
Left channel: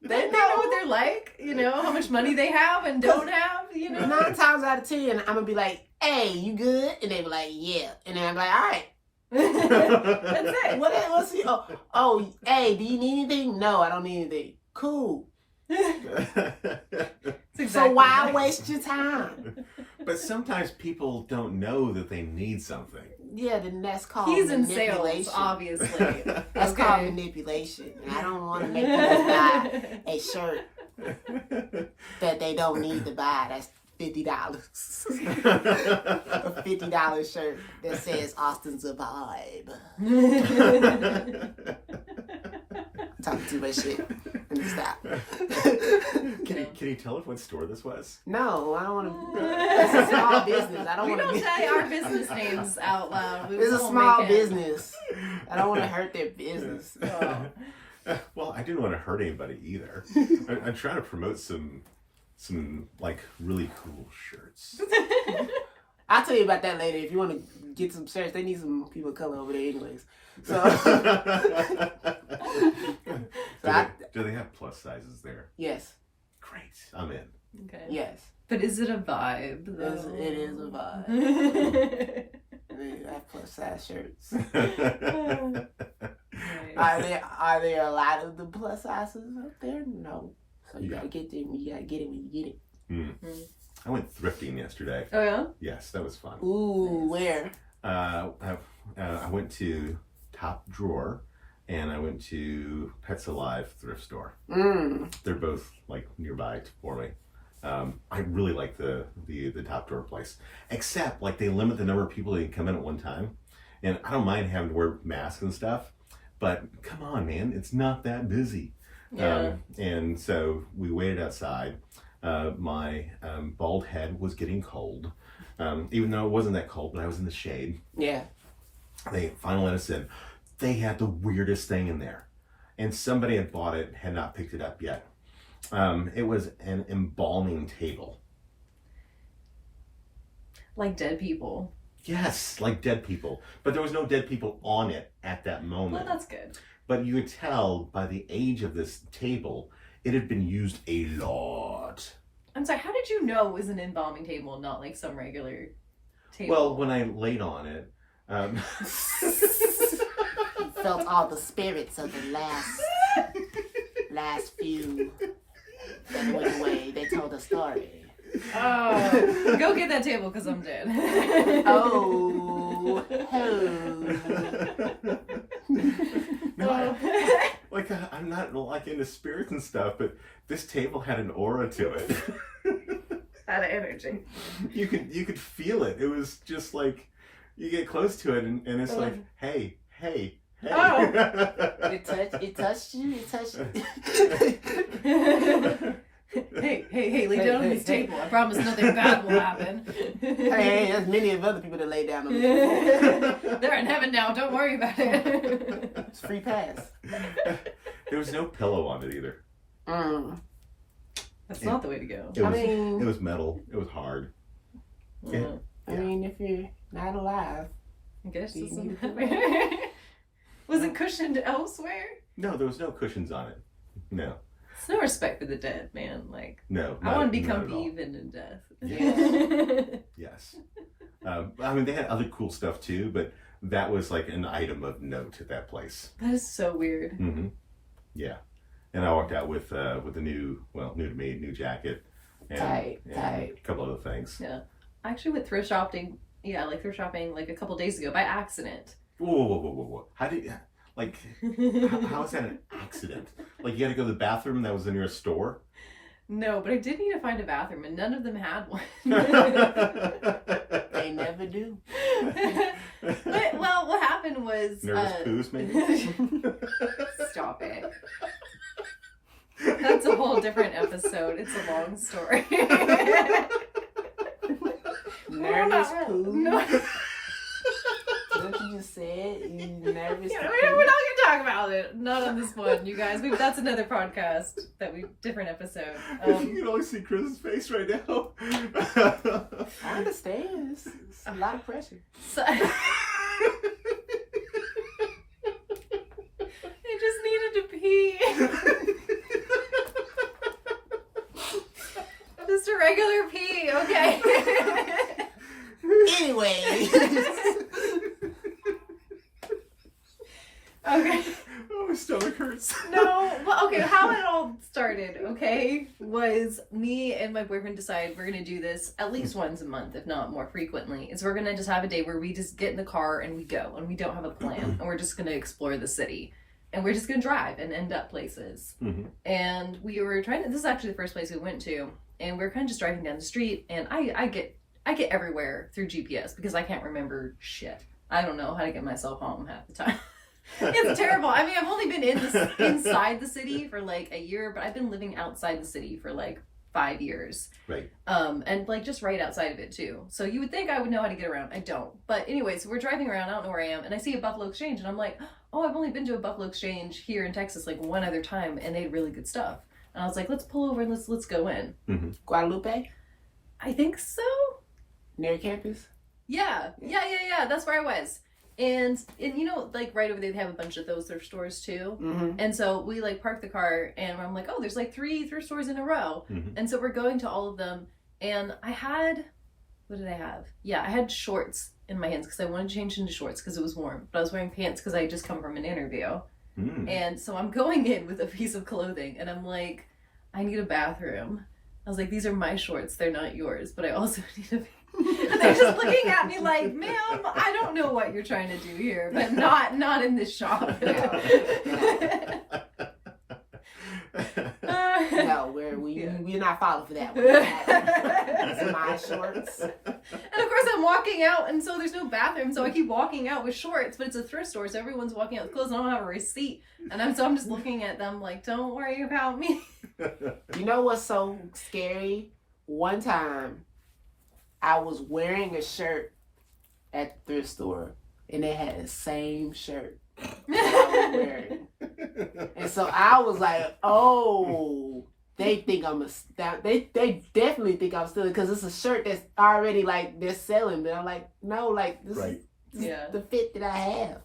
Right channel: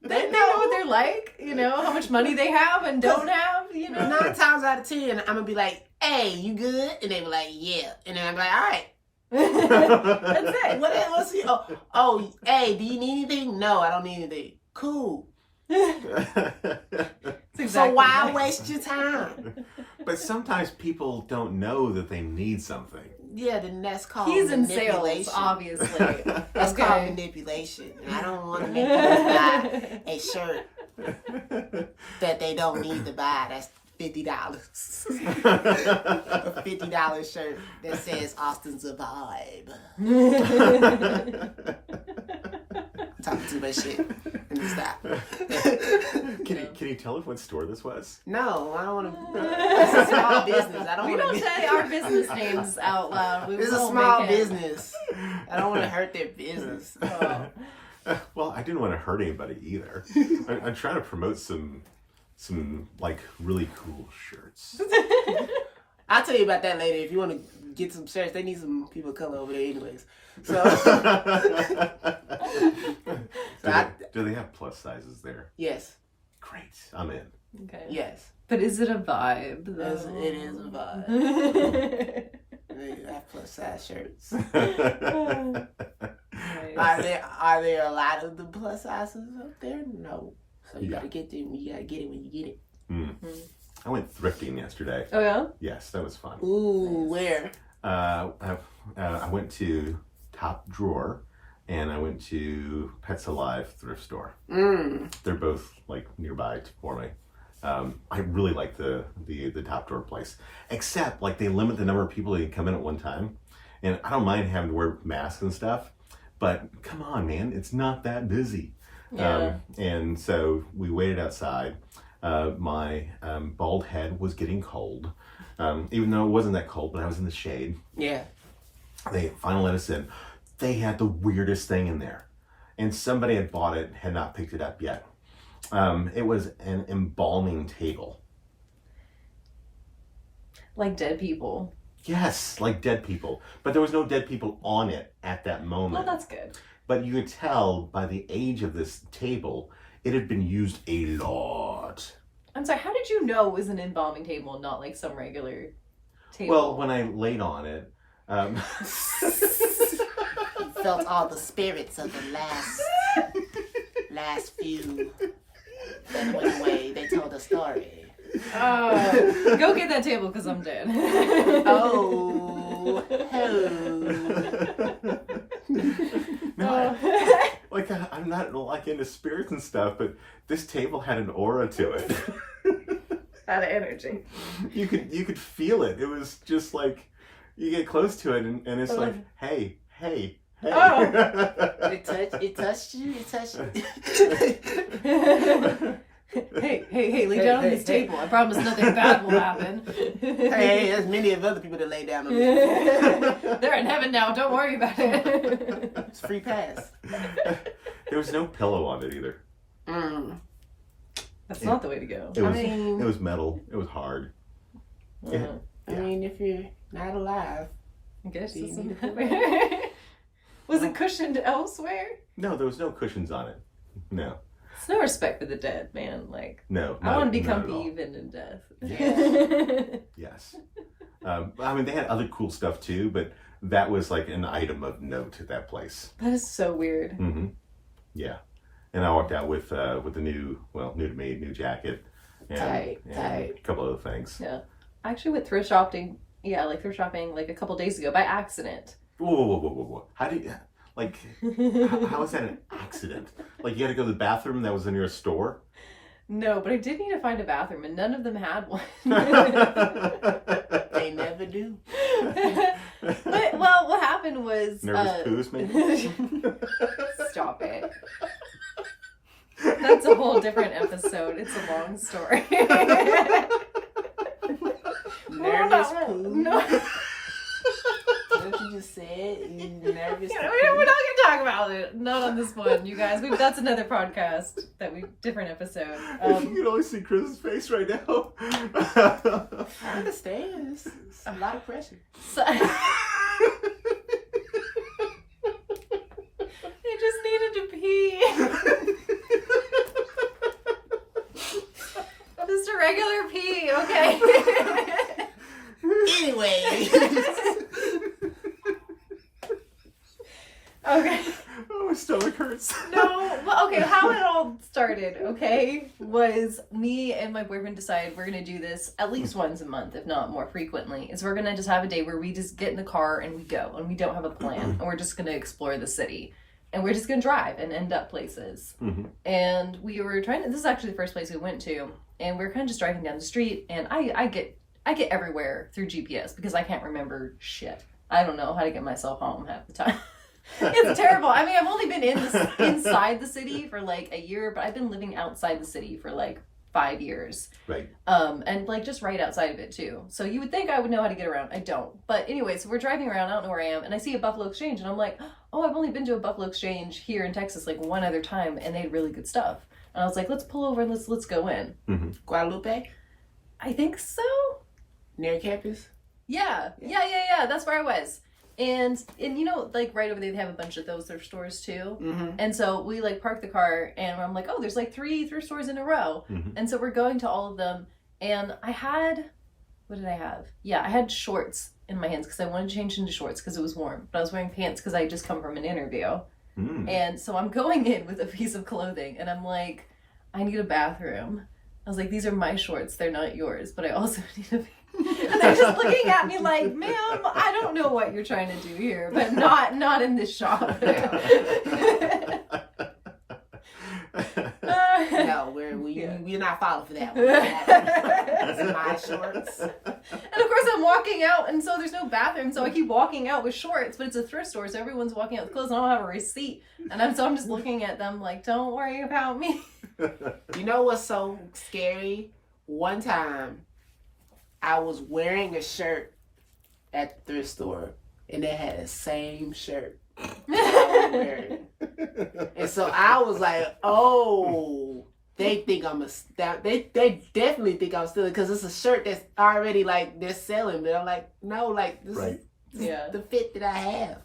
They know what they're like. How much money they have and don't have. 9 times out of 10, I'm gonna be like, "Hey, you good?" And they be like, "Yeah." And then I'm like, "All right, That's it. What's he? Oh, hey, do you need anything? No, I don't need anything. Cool. Exactly So why right. waste your time? But sometimes people don't know that they need something. Yeah, then that's called He's in manipulation. sales, obviously. That's Okay. called manipulation. And I don't want to make people buy a shirt that they don't need to buy. That's $50. A $50 shirt that says Austin's a vibe. Talking too much shit. Let me stop. Can you tell us what store this was? No, I don't want to. It's a small business. I don't We want to. don't say our business names out loud. It's a won't small make it. business. I don't want to hurt their business. Oh. Well, I didn't want to hurt anybody either. I'm trying to promote some like really cool shirts. I'll tell you about that later. If you want to get some shirts, they need some people of color over there, anyways. So, Do they have plus sizes there? yes, Great, I'm in. Okay. yes, But is it a vibe? it is a vibe. They have plus size shirts. Are there a lot of the plus sizes up there? No. So you gotta get them. You gotta get it when you get it. I went thrifting yesterday. Oh yeah? Yes, that was fun. Ooh, where? I went to Top Drawer, and I went to Pets Alive thrift store. They're both like nearby for me. I really like the Top Drawer place, except like they limit the number of people that can come in at one time, and I don't mind having to wear masks and stuff, but come on, man, it's not that busy. Yeah. And so we waited outside. My bald head was getting cold, even though it wasn't that cold, but I was in the shade. Yeah. They finally let us in. They had the weirdest thing in there, and somebody had bought it, had not picked it up yet. It was an embalming table. Like dead people. Yes, like dead people, but there was no dead people on it at that moment. Well, that's good. But you could tell by the age of this table, it had been used a lot. I'm sorry, how did you know it was an embalming table and not like some regular table? Well, when I laid on it, Felt all the spirits of the last few that went away. They told a story. Oh, go get that table because I'm dead. Oh, like I'm not like into spirits and stuff, but this table had an aura to it. Out of energy. You could feel it. It was just like you get close to it, and it's like, hey. Oh. It touched you. Hey, lay down on this table. I promise nothing bad will happen. Hey, there's many of other people that lay down on this floor. They're in heaven now. Don't worry about it. It's free pass. There was no pillow on it either. That's not the way to go. It was metal. It was hard. I mean, if you're not alive, I guess do you this need is a pillow? Was it cushioned elsewhere? No, there was no cushions on it. No. It's no respect for the dead, man. Like, No. I want to be not at comfy all. even in death. Yes. I mean, they had other cool stuff too, but that was like an item of note at that place. That is so weird. Mm-hmm. Yeah. And I walked out with the new to me, new jacket. And, Tight. A couple other things. Yeah. I actually went thrift shopping. Yeah, like thrift shopping like a couple days ago by accident. Whoa. How did, like, how is that an accident? Like, you had to go to the bathroom that was in your store? No, but I did need to find a bathroom, and none of them had one. They never do. But, well, what happened was... Nervous poos, maybe? Stop it. That's a whole different episode. It's a long story. Nervous poo. No. What you just said? You nervous? Yeah, we're not gonna talk about it. Not on this one, you guys. That's another podcast different episode. You can only see Chris's face right now. I understand. It's a lot of pressure. So, I just needed to pee. Just a regular pee, okay? Anyway. shorts. No, well, okay, how it all started, okay, was me and my boyfriend decided we're gonna do this at least once a month, if not more frequently. Is we're gonna just have a day where we just get in the car and we go, and we don't have a plan, and we're just gonna explore the city. And we're just gonna drive and end up places. And we were trying to, this is actually the first place we went to, and we were kind of just driving down the street, and I get everywhere through GPS because I can't remember shit. I don't know how to get myself home half the time. It's terrible. I mean, I've only been inside the city for like a year, but I've been living outside the city for like 5 years. Right. And like just right outside of it too. So you would think I would know how to get around. I don't. But anyway, so we're driving around. I don't know where I am, and I see a Buffalo Exchange, and I'm like, oh, I've only been to a Buffalo Exchange here in Texas like one other time, and they had really good stuff. And I was like, let's pull over and let's go in. Guadalupe? I think so. Near campus? Yeah. That's where I was. And you know, like right over there, they have a bunch of those thrift stores too. And so we like park the car, and I'm like, oh, there's like 3 thrift stores in a row. And so we're going to all of them. And I had, what did I have? Yeah, I had shorts in my hands because I wanted to change into shorts because it was warm. But I was wearing pants because I had just come from an interview. And so I'm going in with a piece of clothing, and I'm like, I need a bathroom. I was like, these are my shorts. They're not yours, but I also need a and they're just looking at me like, ma'am, I don't know what you're trying to do here, but not in this shop. No, we're not falling for that one. These are my shorts. And of course I'm walking out, and so there's no bathroom, so I keep walking out with shorts, but it's a thrift store, so everyone's walking out with clothes, and I don't have a receipt. And I'm just looking at them like, don't worry about me. You know what's so scary? One time I was wearing a shirt at the thrift store, and they had the same shirt that I was wearing. And so I was like, oh, they think I'm they definitely think I'm stealing because it's a shirt that's already like they're selling. But I'm like, no, like this is the fit that I have.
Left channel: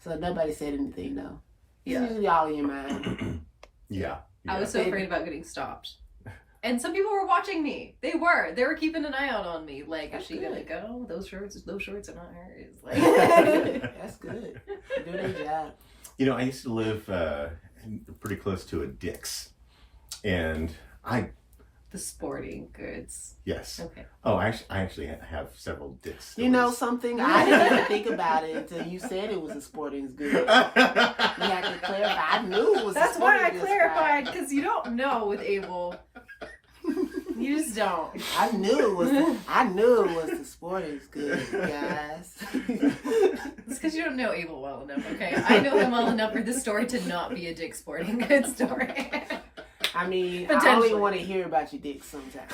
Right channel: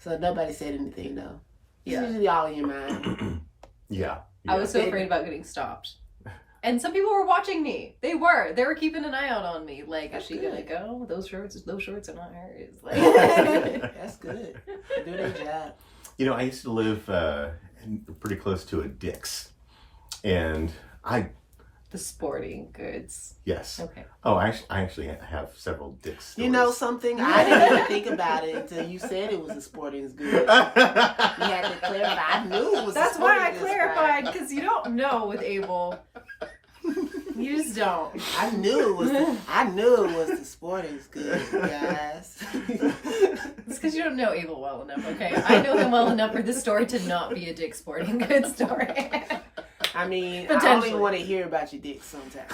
So nobody said anything though. It's usually all in your mind. Yeah. I was so afraid about getting stopped. And some people were watching me. They were keeping an eye out on me. Like, is she gonna go? Those shorts are not hers. Like, that's good. Do their job. You know, I used to live pretty close to a Dick's, and the sporting goods. Yes. Okay. Oh, I actually have several Dick's stores. You know something? I didn't even think about it until you said it was a sporting goods. You had to clarify. I knew it was. That's a sporting why I goods clarified, because you don't know with Abel. You just don't. I knew it was the sporting goods, guys. It's because you don't know Abel well enough, okay? I know him well enough for this story to not be a Dick's Sporting Goods story. I mean, I only want to hear about your dick sometimes.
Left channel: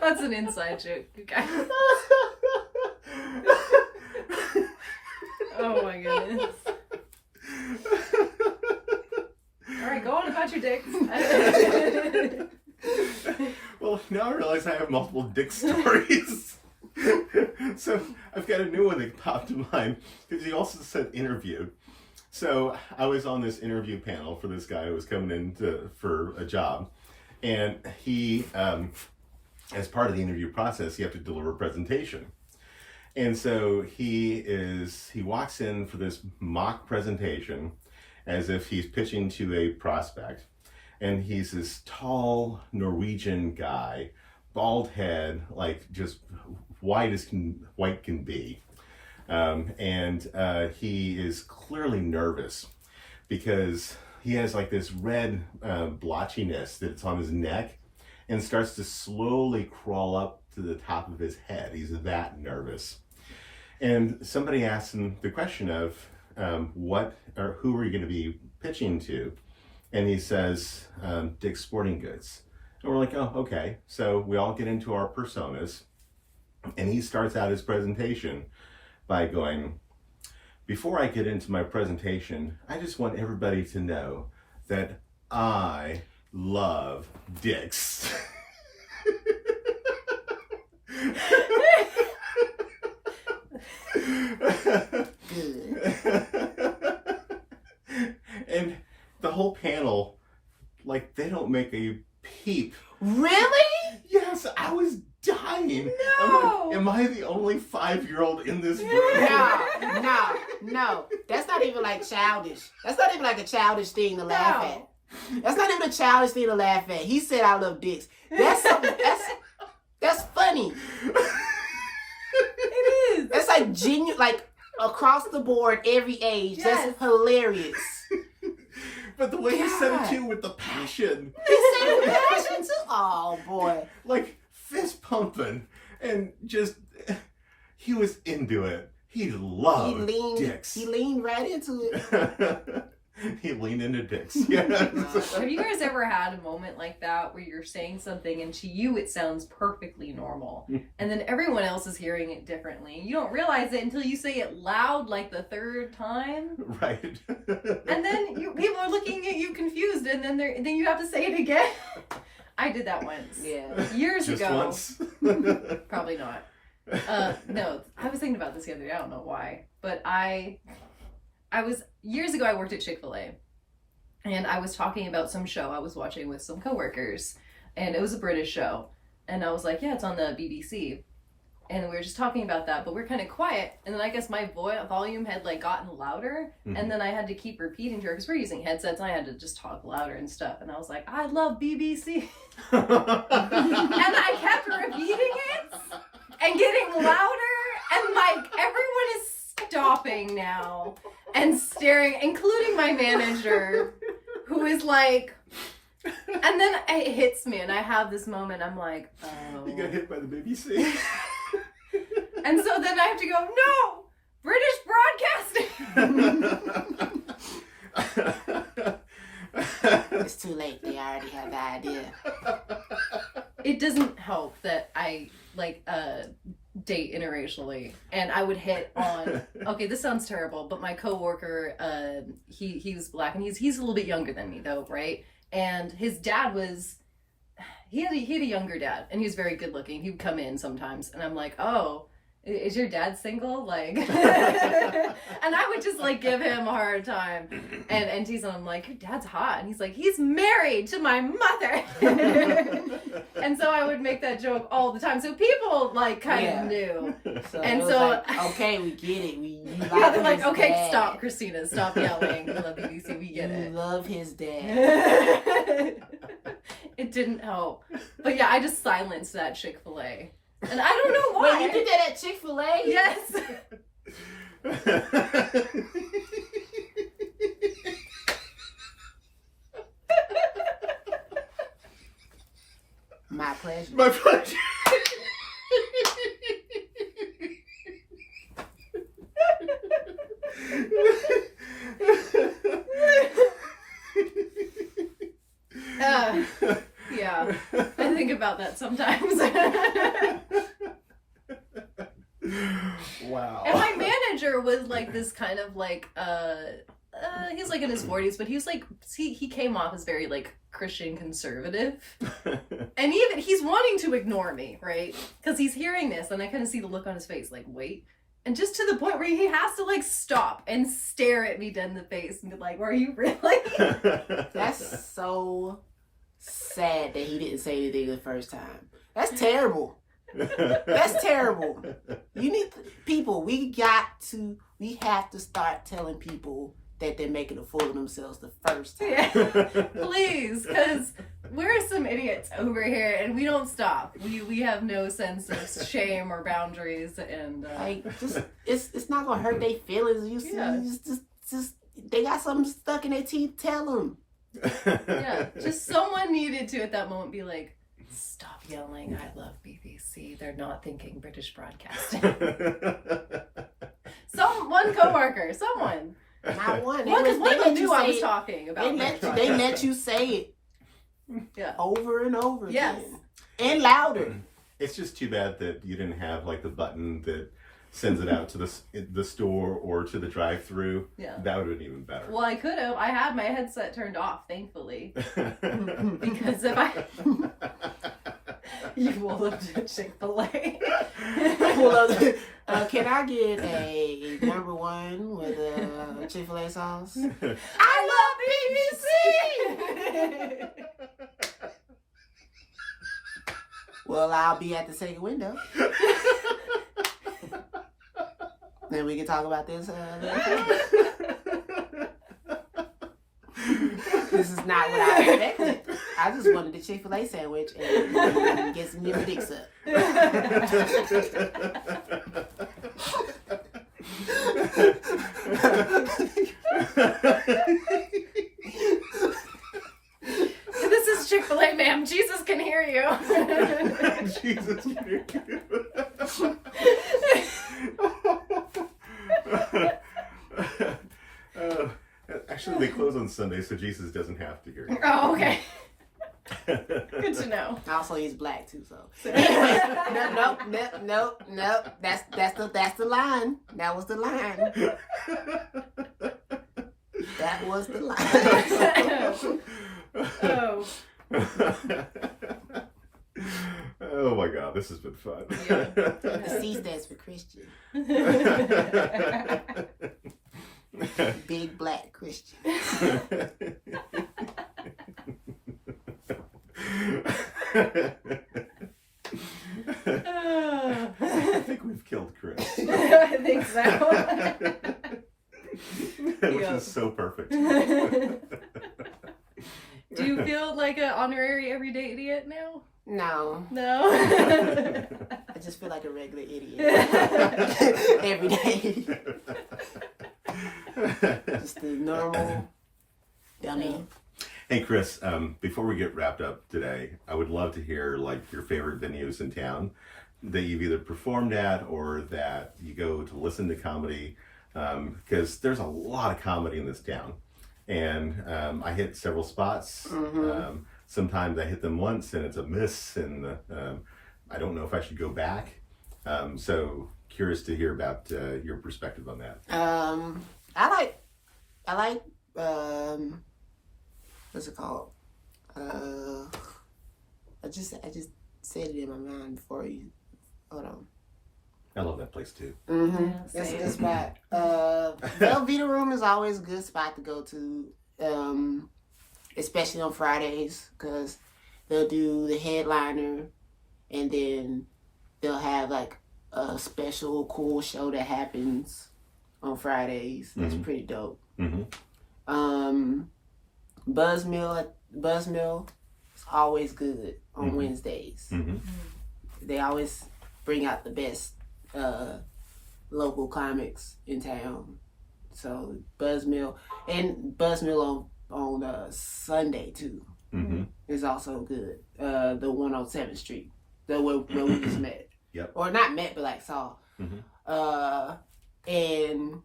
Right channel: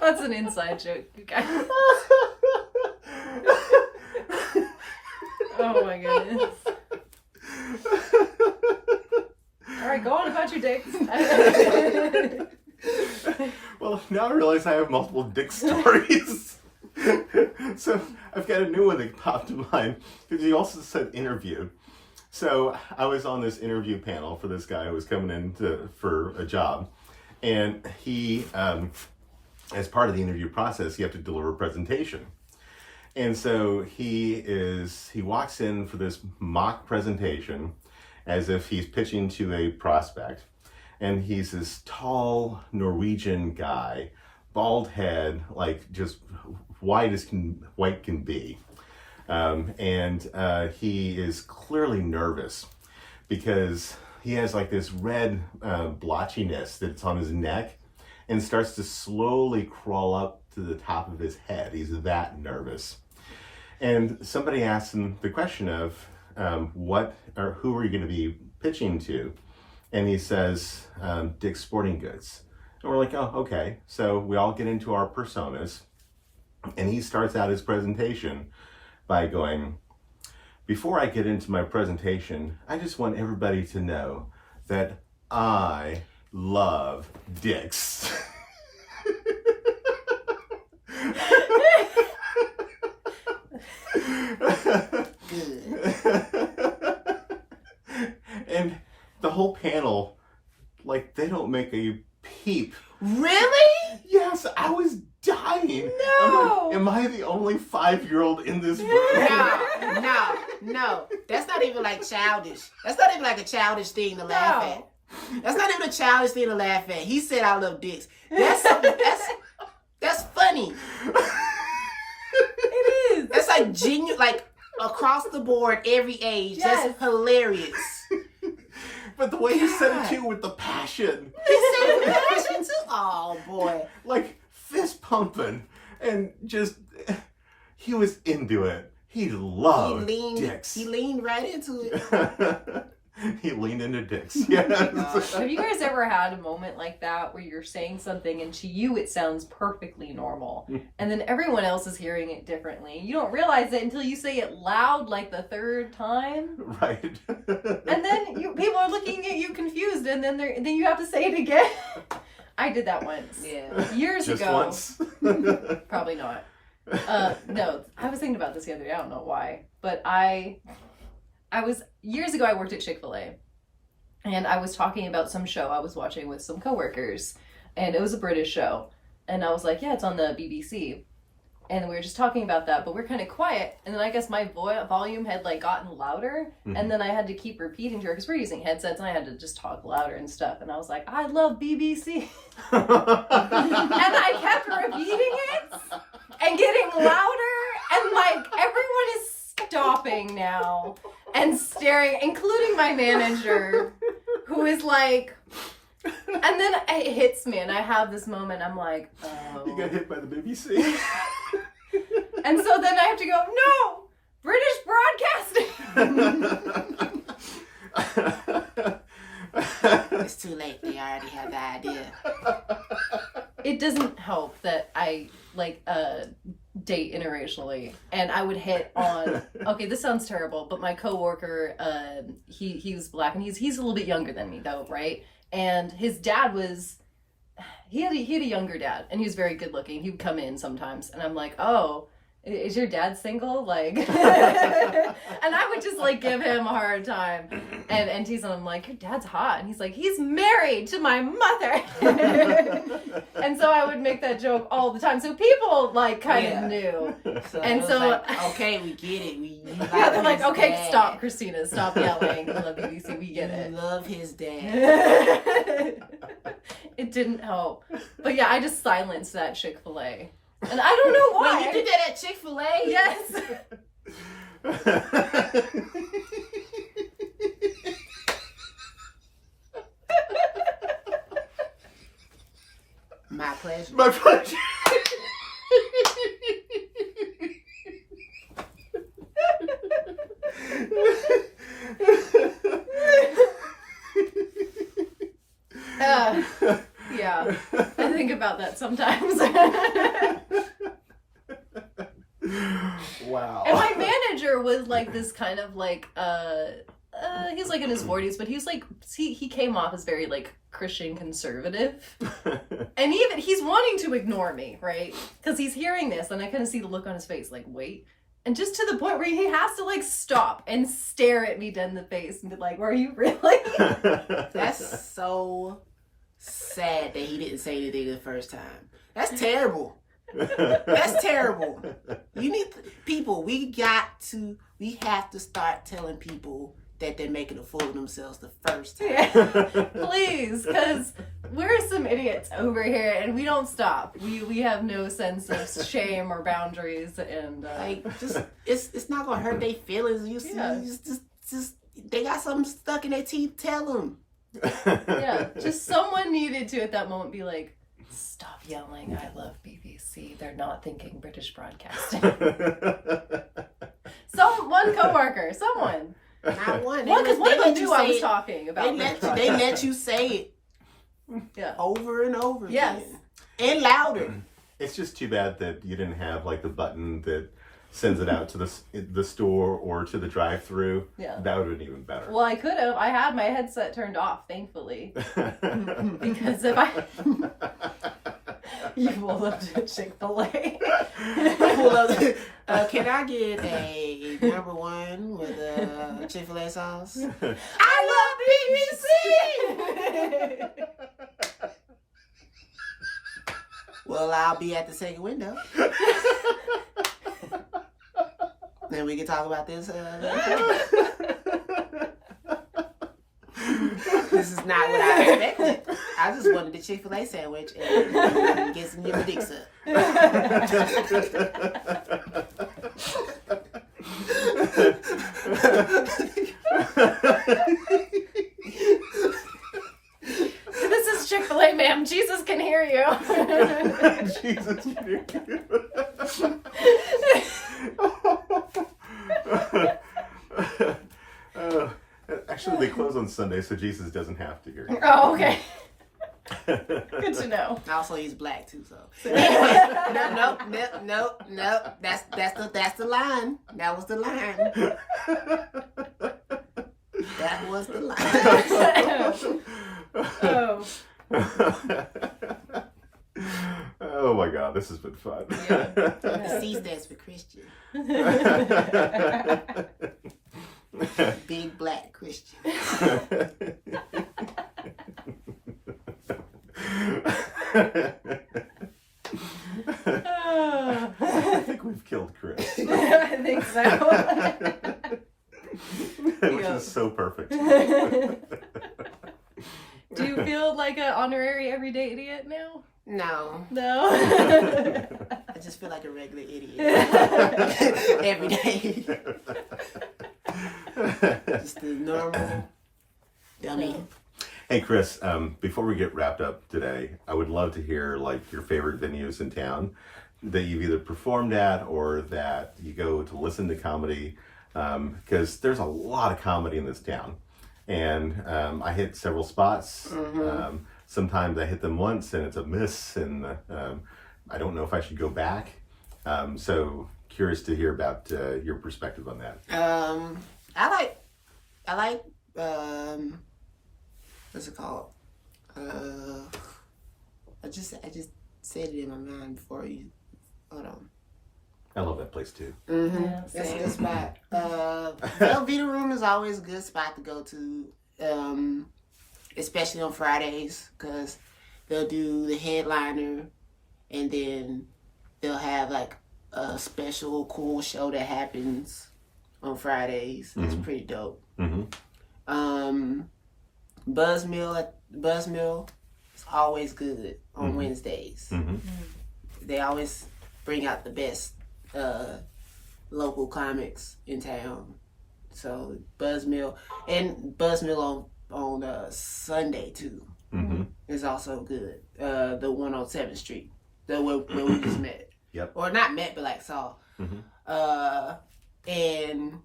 That's an inside joke, you guys. Oh my goodness. Alright, go on about your dicks. Well, now I realize I have multiple Dick stories. So I've got a new one that popped in mind because you also said interview. So I was on this interview panel for this guy who was coming in for a job, and he, as part of the interview process, you have to deliver a presentation. And so he walks in for this mock presentation as if he's pitching to a prospect. And he's this tall Norwegian guy, bald head, like just white can be. And he is clearly nervous because he has like this red blotchiness that's on his neck and starts to slowly crawl up to the top of his head. He's that nervous. And somebody asked him the question of who are you going to be pitching to? And he says, Dick's Sporting Goods. And we're like, oh, okay. So we all get into our personas. And he starts out his presentation by going, before I get into my presentation, I just want everybody to know that I love Dick's. And the whole panel, like, they don't make a peep. Really? Yes, I was dying. No. Like, am I I the only 5-year-old in this room? No. That's not even like childish. That's not even like a childish thing to laugh at. That's not even a childish thing to laugh at. He said I love dicks. That's funny. It is. That's like genuine, like across the board, every age. Yes. That's hilarious. But the way he said it too, with the passion. He said it with passion too. Oh boy. Like fist pumping. And just, he was into it. He loved dicks. He leaned right into it. He leaned into dicks. Yes. Have you guys ever had a moment like that where you're saying something and to you it sounds perfectly normal, and then everyone else is hearing it differently? You don't realize it until you say it loud like the third time. Right. And then people are looking at you confused, and then you have to say it again. I did that once. Yeah. Years Just ago. once. Probably not. No, I was thinking about this the other day. I don't know why, but I was years ago. I worked at Chick-fil-a, and I was talking about some show I was watching with some coworkers, and it was a British show, and I was like, "Yeah, it's on the BBC," and we were just talking about that, but we're kind of quiet, and then I guess my volume had like gotten louder, and then I had to keep repeating to her because we're using headsets, and I had to just talk louder and stuff, and I was like, "I love BBC," and I kept repeating it and getting louder, and like everyone is stopping now and staring, including my manager, who is like, and then it hits me, and I have this moment. I'm like, oh. You got hit by the BBC. And so then I have to go, no, British Broadcasting. It's too late. They already have the idea. It doesn't help that I date interracially, and I would hit on, okay, this sounds terrible, but my coworker, he was black, and he's a little bit younger than me though, right? And his dad he had a younger dad, and he was very good looking. He would come in sometimes, and I'm like, oh, is your dad single? Like, and I would just like give him a hard time and tease him. I'm like, your dad's hot. And he's like, he's married to my mother. And so I would make that joke all the time. So people like kind of knew. So and it was so, like, okay, we get it. yeah, they're like, okay, stop, Christina, stop yelling. We love BBC, we get it. You love his dad. It didn't help. But yeah, I just silenced that Chick-fil-A. And I don't know why. Wait, you did that at Chick-fil-A? Yes. My pleasure. My pleasure. Yeah, I think about that sometimes. Wow. And my manager was like this kind of like, he's like in his 40s, but he's like, he came off as very like Christian conservative. And even he's wanting to ignore me, right? Because he's hearing this, and I kind of see the look on his face, like, wait. And just to the point where he has to like stop and stare at me dead in the face and be like, "Were you really?" That's so sad that he didn't say anything the first time. That's terrible. That's terrible. You need people. We have to start telling people that they're making a fool of themselves the first time. Yeah. Please, because we're some idiots over here, and we don't stop. We have no sense of shame or boundaries, and Like, just it's not gonna hurt their feelings. Just they got something stuck in their teeth. Tell them. yeah, just someone needed to at that moment be like, "Stop yelling! I love BBC. They're not thinking British Broadcasting." One coworker, someone. Not one. Because one of them knew I was talking about. They let you say it. Yeah. Over and over Yes. again. And louder. It's just too bad that you didn't have like the button that sends it out to the store or to the drive-through. Yeah. That would have been even better. Well, I could have. I had my headset turned off, thankfully. Because if I... You will love Chick-fil-A. Can I get a number one with a Chick-fil-A sauce? I love BBC! Well, I'll be at the second window. Then we can talk about this. This is not what I expected. I just wanted the Chick-fil-A sandwich and get some your dicks up. This is Chick-fil-A, ma'am. Jesus can hear you. Jesus can hear you. Actually, they close on Sunday, so Jesus doesn't have to hear you. Oh, okay. Good to know. Also, he's black too, so. Anyway, nope. That's the line. That was the line. That was the line. Oh my God, this has been fun. The C stands for Christian. Big black Christian. I think we've killed Chris. I think so. Which is so perfect. Do you feel like an honorary everyday idiot now? No. I just feel like a regular idiot. Every day. Just a normal dummy. Hey Chris, before we get wrapped up today, I would love to hear like your favorite venues in town that you've either performed at or that you go to listen to comedy, because there's a lot of comedy in this town. And I hit several spots. Sometimes I hit them once and it's a miss, and I don't know if I should go back. So curious to hear about your perspective on that. I like what's it called? I just said it in my mind before you. Hold on. I love that place too. Yeah, That's a good spot. Velveeta Room is always a good spot to go to, especially on Fridays, because they'll do the headliner, and then they'll have like a special cool show that happens on Fridays. That's pretty dope. Buzzmill is always good on Wednesdays. They always bring out the best local comics in town. So Buzzmill on Sunday too is also good. The one on 7th Street, the where we just met. Yep. Or not met, but like saw. And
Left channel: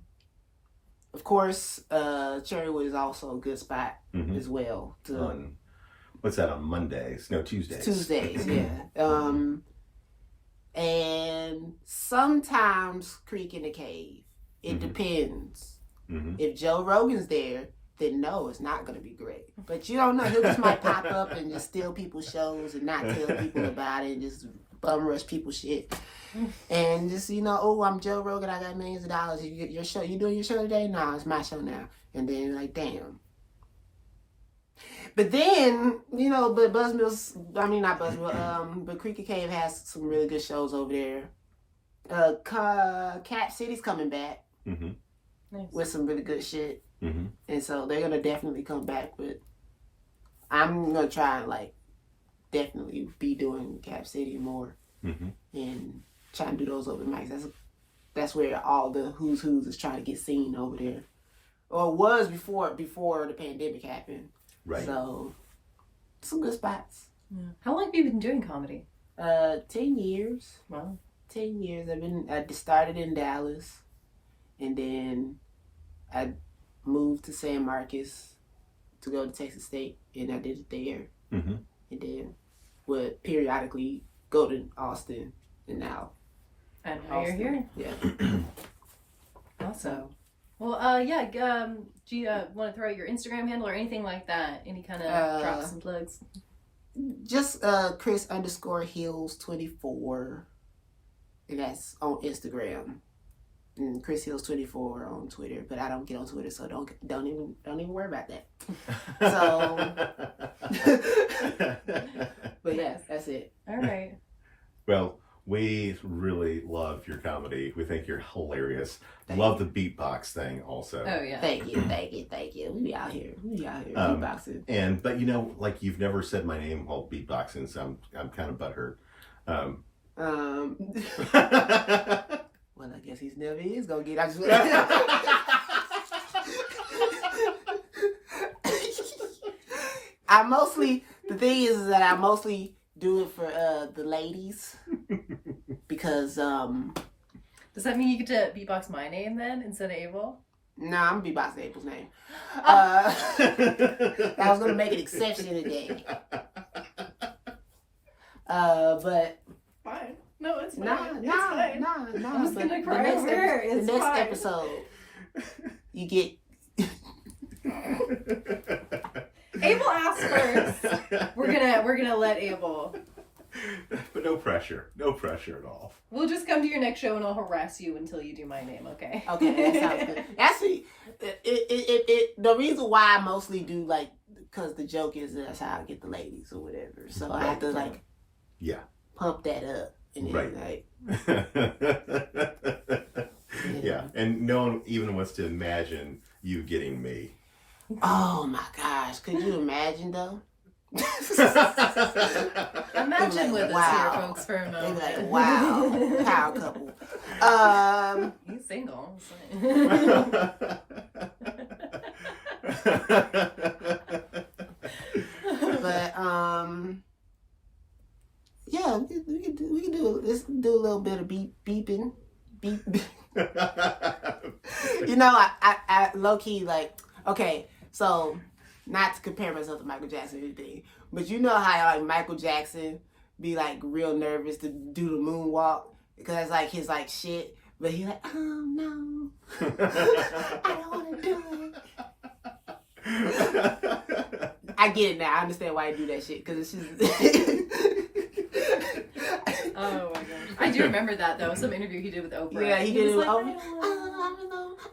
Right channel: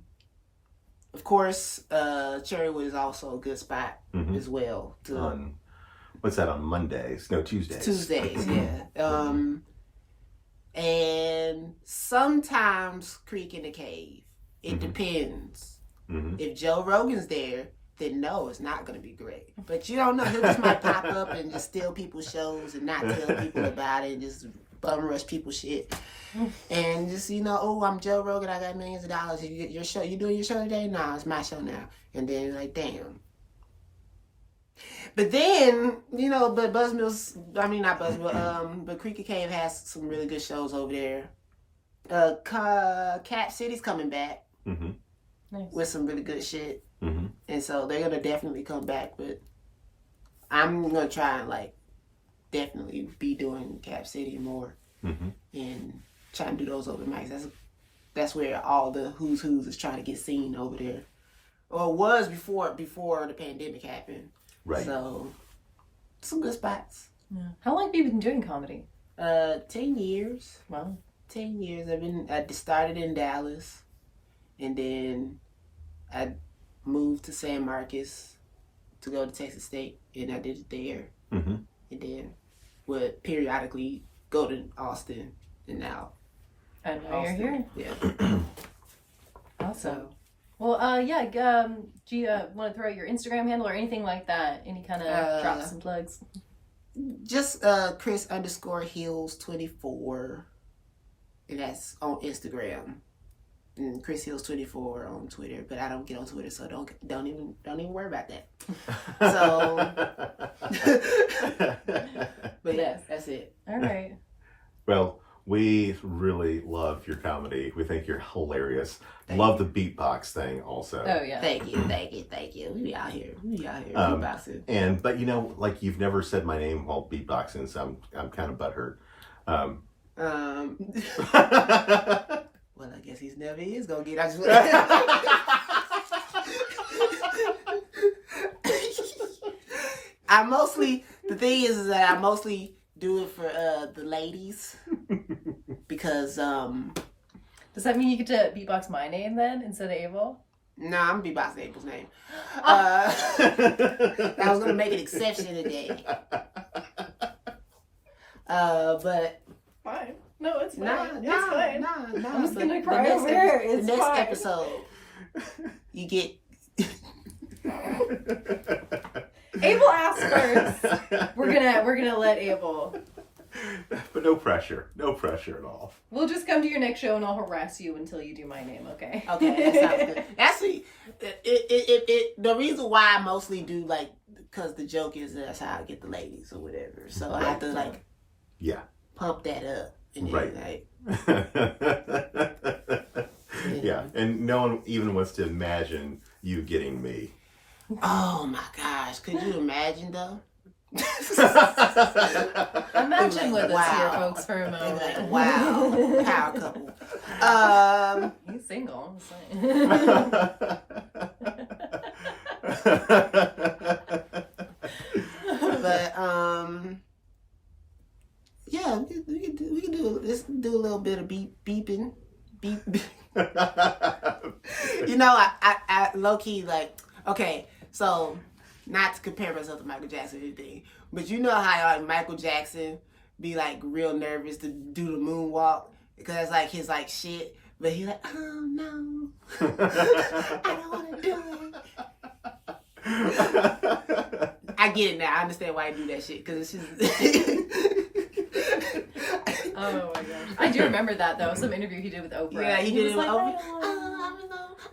of course, Cherrywood is also a good spot as well. What's that on Mondays? No, Tuesdays. Tuesdays, yeah. And sometimes Creek in the Cave. It depends. If Joe Rogan's there, then no, it's not going to be great. But you don't know. He just might pop up and just steal people's shows and not tell people about it and just bum rush people's shit. And just, oh, I'm Joe Rogan. I got millions of dollars. Your show, you doing your show today? No, it's my show now. And then like, damn. But then, but Buzzmill's, not Buzzmill, but Creek and Cave has some really good shows over there. Cap City's coming back with some really good shit. And so they're going to definitely come back, but I'm going to try and definitely be doing Cap City more and try and do those open mics. That's where all the who's is trying to get seen over there. Or was before the pandemic happened. Right. So, some good spots. Yeah. How long have you been doing comedy? 10 years. Wow. 10 years. I started in Dallas, and then I moved to San Marcos to go to Texas State, and I did it there. And then would periodically go to Austin, and now. And now you're here. Yeah. Awesome. Well, do you want to throw out your Instagram handle or anything like that? Any kind of drops and plugs? Just Chris _Hills 24, and that's on Instagram. And Chris Hills 24 on Twitter, but I don't get on Twitter, so don't even worry about that. So, but yes, that's it. All right. Well, We really love your comedy. We think you're hilarious. Love the beatbox thing also. Oh yeah. Thank you. We be out here. Beatboxing. But you know, like you've never said my name while beatboxing, so I'm kind of butthurt. Well, I guess he's never is gonna get out. The thing is that I mostly do it for the ladies because Does that mean you get to beatbox my name then instead of Abel? no, I'm beatboxing Abel's name. I was gonna make an exception today. But Fine. No, it's fine. nah. I'm just gonna cry the over here. The It's next fine. episode, you get. Abel asked first. We're gonna let Abel. But no pressure at all. We'll just come to your next show and I'll harass you until you do my name, okay? Okay, that sounds good. Actually, the reason why I mostly do like because the joke is that's how I get the ladies or whatever. So I have to like pump that up and then Yeah, and no one even wants to imagine you getting me. Oh my gosh, could you imagine though? Imagine with us here, folks, for a They'd moment. be like, wow, power couple. He's single. But yeah, we can do let's do a little bit of beeping. You know, I low key like okay, so not to compare myself to Michael Jackson or anything, but you know how like Michael Jackson be like real nervous to do the moonwalk because that's like his like shit, but he like oh no, I don't want to do it. I get it now. I understand why you do that shit because it's just. Oh my gosh. I do remember that though. Some interview he did with Oprah. Yeah, he did it with like, Oprah.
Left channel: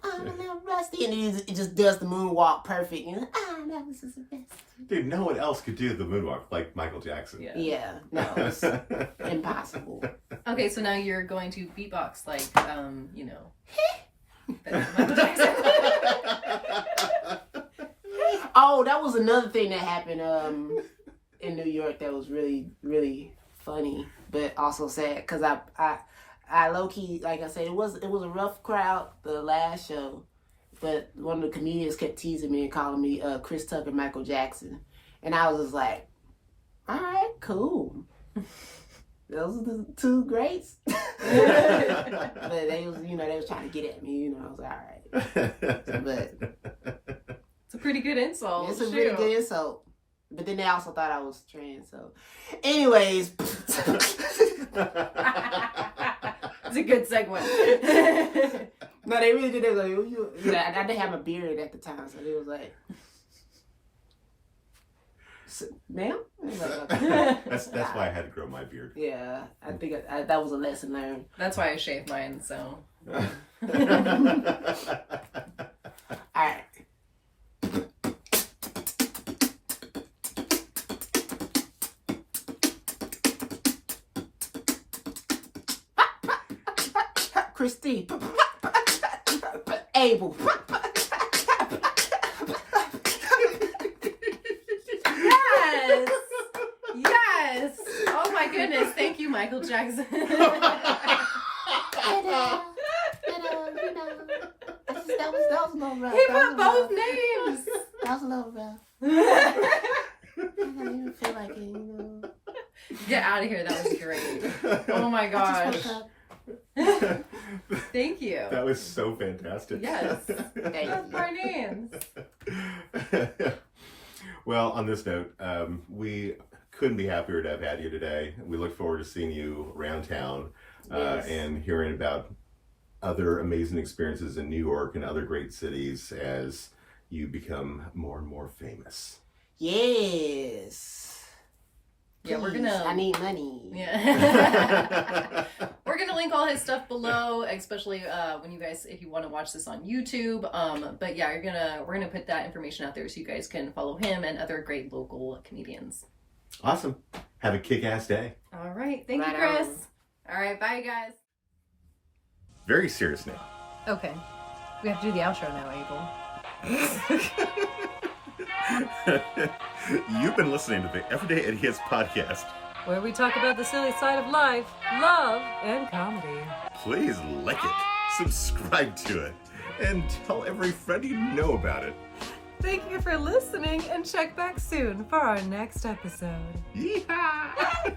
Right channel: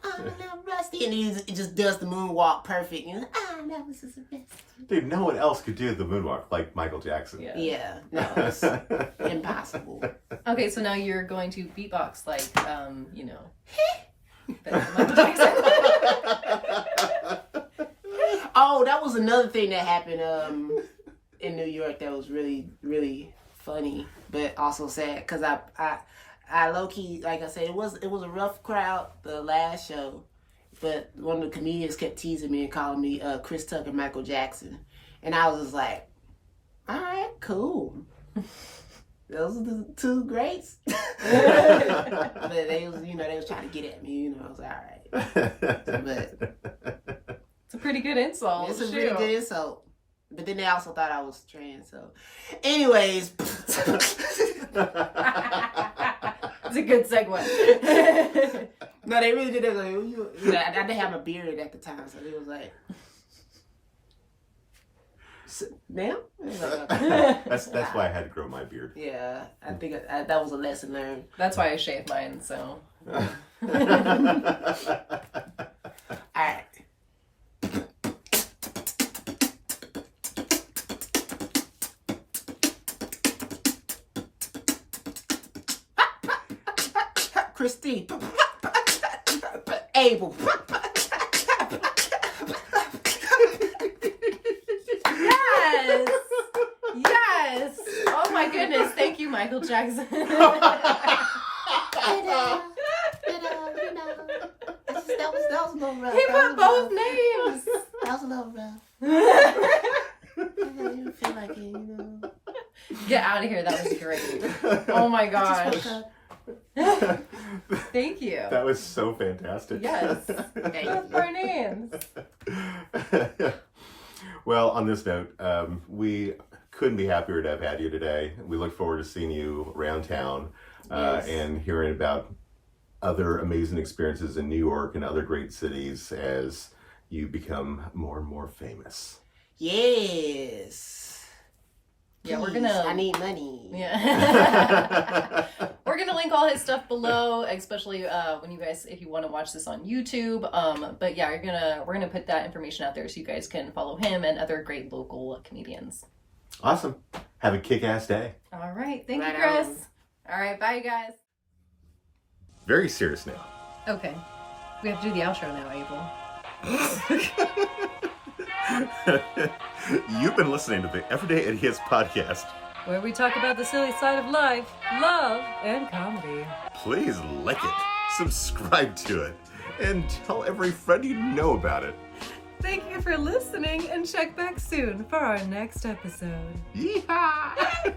I'm a little rusty. And he just does the moonwalk perfect. And that was just the best. Dude, no one else could do the moonwalk like Michael Jackson. Yeah, no, it's impossible. Okay, so now you're going to beatbox like, you know. Michael Jackson. Oh, that was another thing that happened in New York that was really, really funny, but also sad because I low key, like I said, it was a rough crowd the last show, but one of the comedians kept teasing me and calling me Chris Tucker, Michael Jackson, and I was just like, all right, cool. Those are the two greats. But they was trying to get at me, I was like, all right. But It's a pretty good insult. it's a really good insult. But then they also thought I was trans, so. Anyways. It's a good segue. No, they really did. They was like, I didn't have a beard at the time, so they was like, ma'am? I was like, okay. That's why I had to grow my beard. Yeah, I think that was a lesson learned. That's why I shaved mine, so. All right. Christine. Abel. Yes! Yes! Oh my goodness. Thank you, Michael Jackson. That was a little rough. He put both names. That was a little rough. I didn't even feel like it, Get out of here. That was great. Oh my gosh. Thank you. That was so fantastic. Yes. Thank you. Both our names. Well, on this note, we couldn't be happier to have had you today. We look forward to seeing you around town Yes. and hearing about other amazing experiences in New York and other great cities as you become more and more famous. Yes. Yeah, we're Please, gonna. I need money. Yeah. We're gonna link all his stuff below, especially when you guys, if you want to watch this on YouTube. But yeah, we're gonna put that information out there so you guys can follow him and other great local comedians. Awesome. Have a kick-ass day. All right, thank you, Right Chris. on. All right, bye, you guys. Very serious now. Okay. We have to do the outro now, Abel. You've been listening to the Everyday Idiots podcast. Where we talk about the silly side of life, love, and comedy. Please like it, subscribe to it, and tell every friend you know about it. Thank you for listening, and check back soon for our next episode. Yeehaw!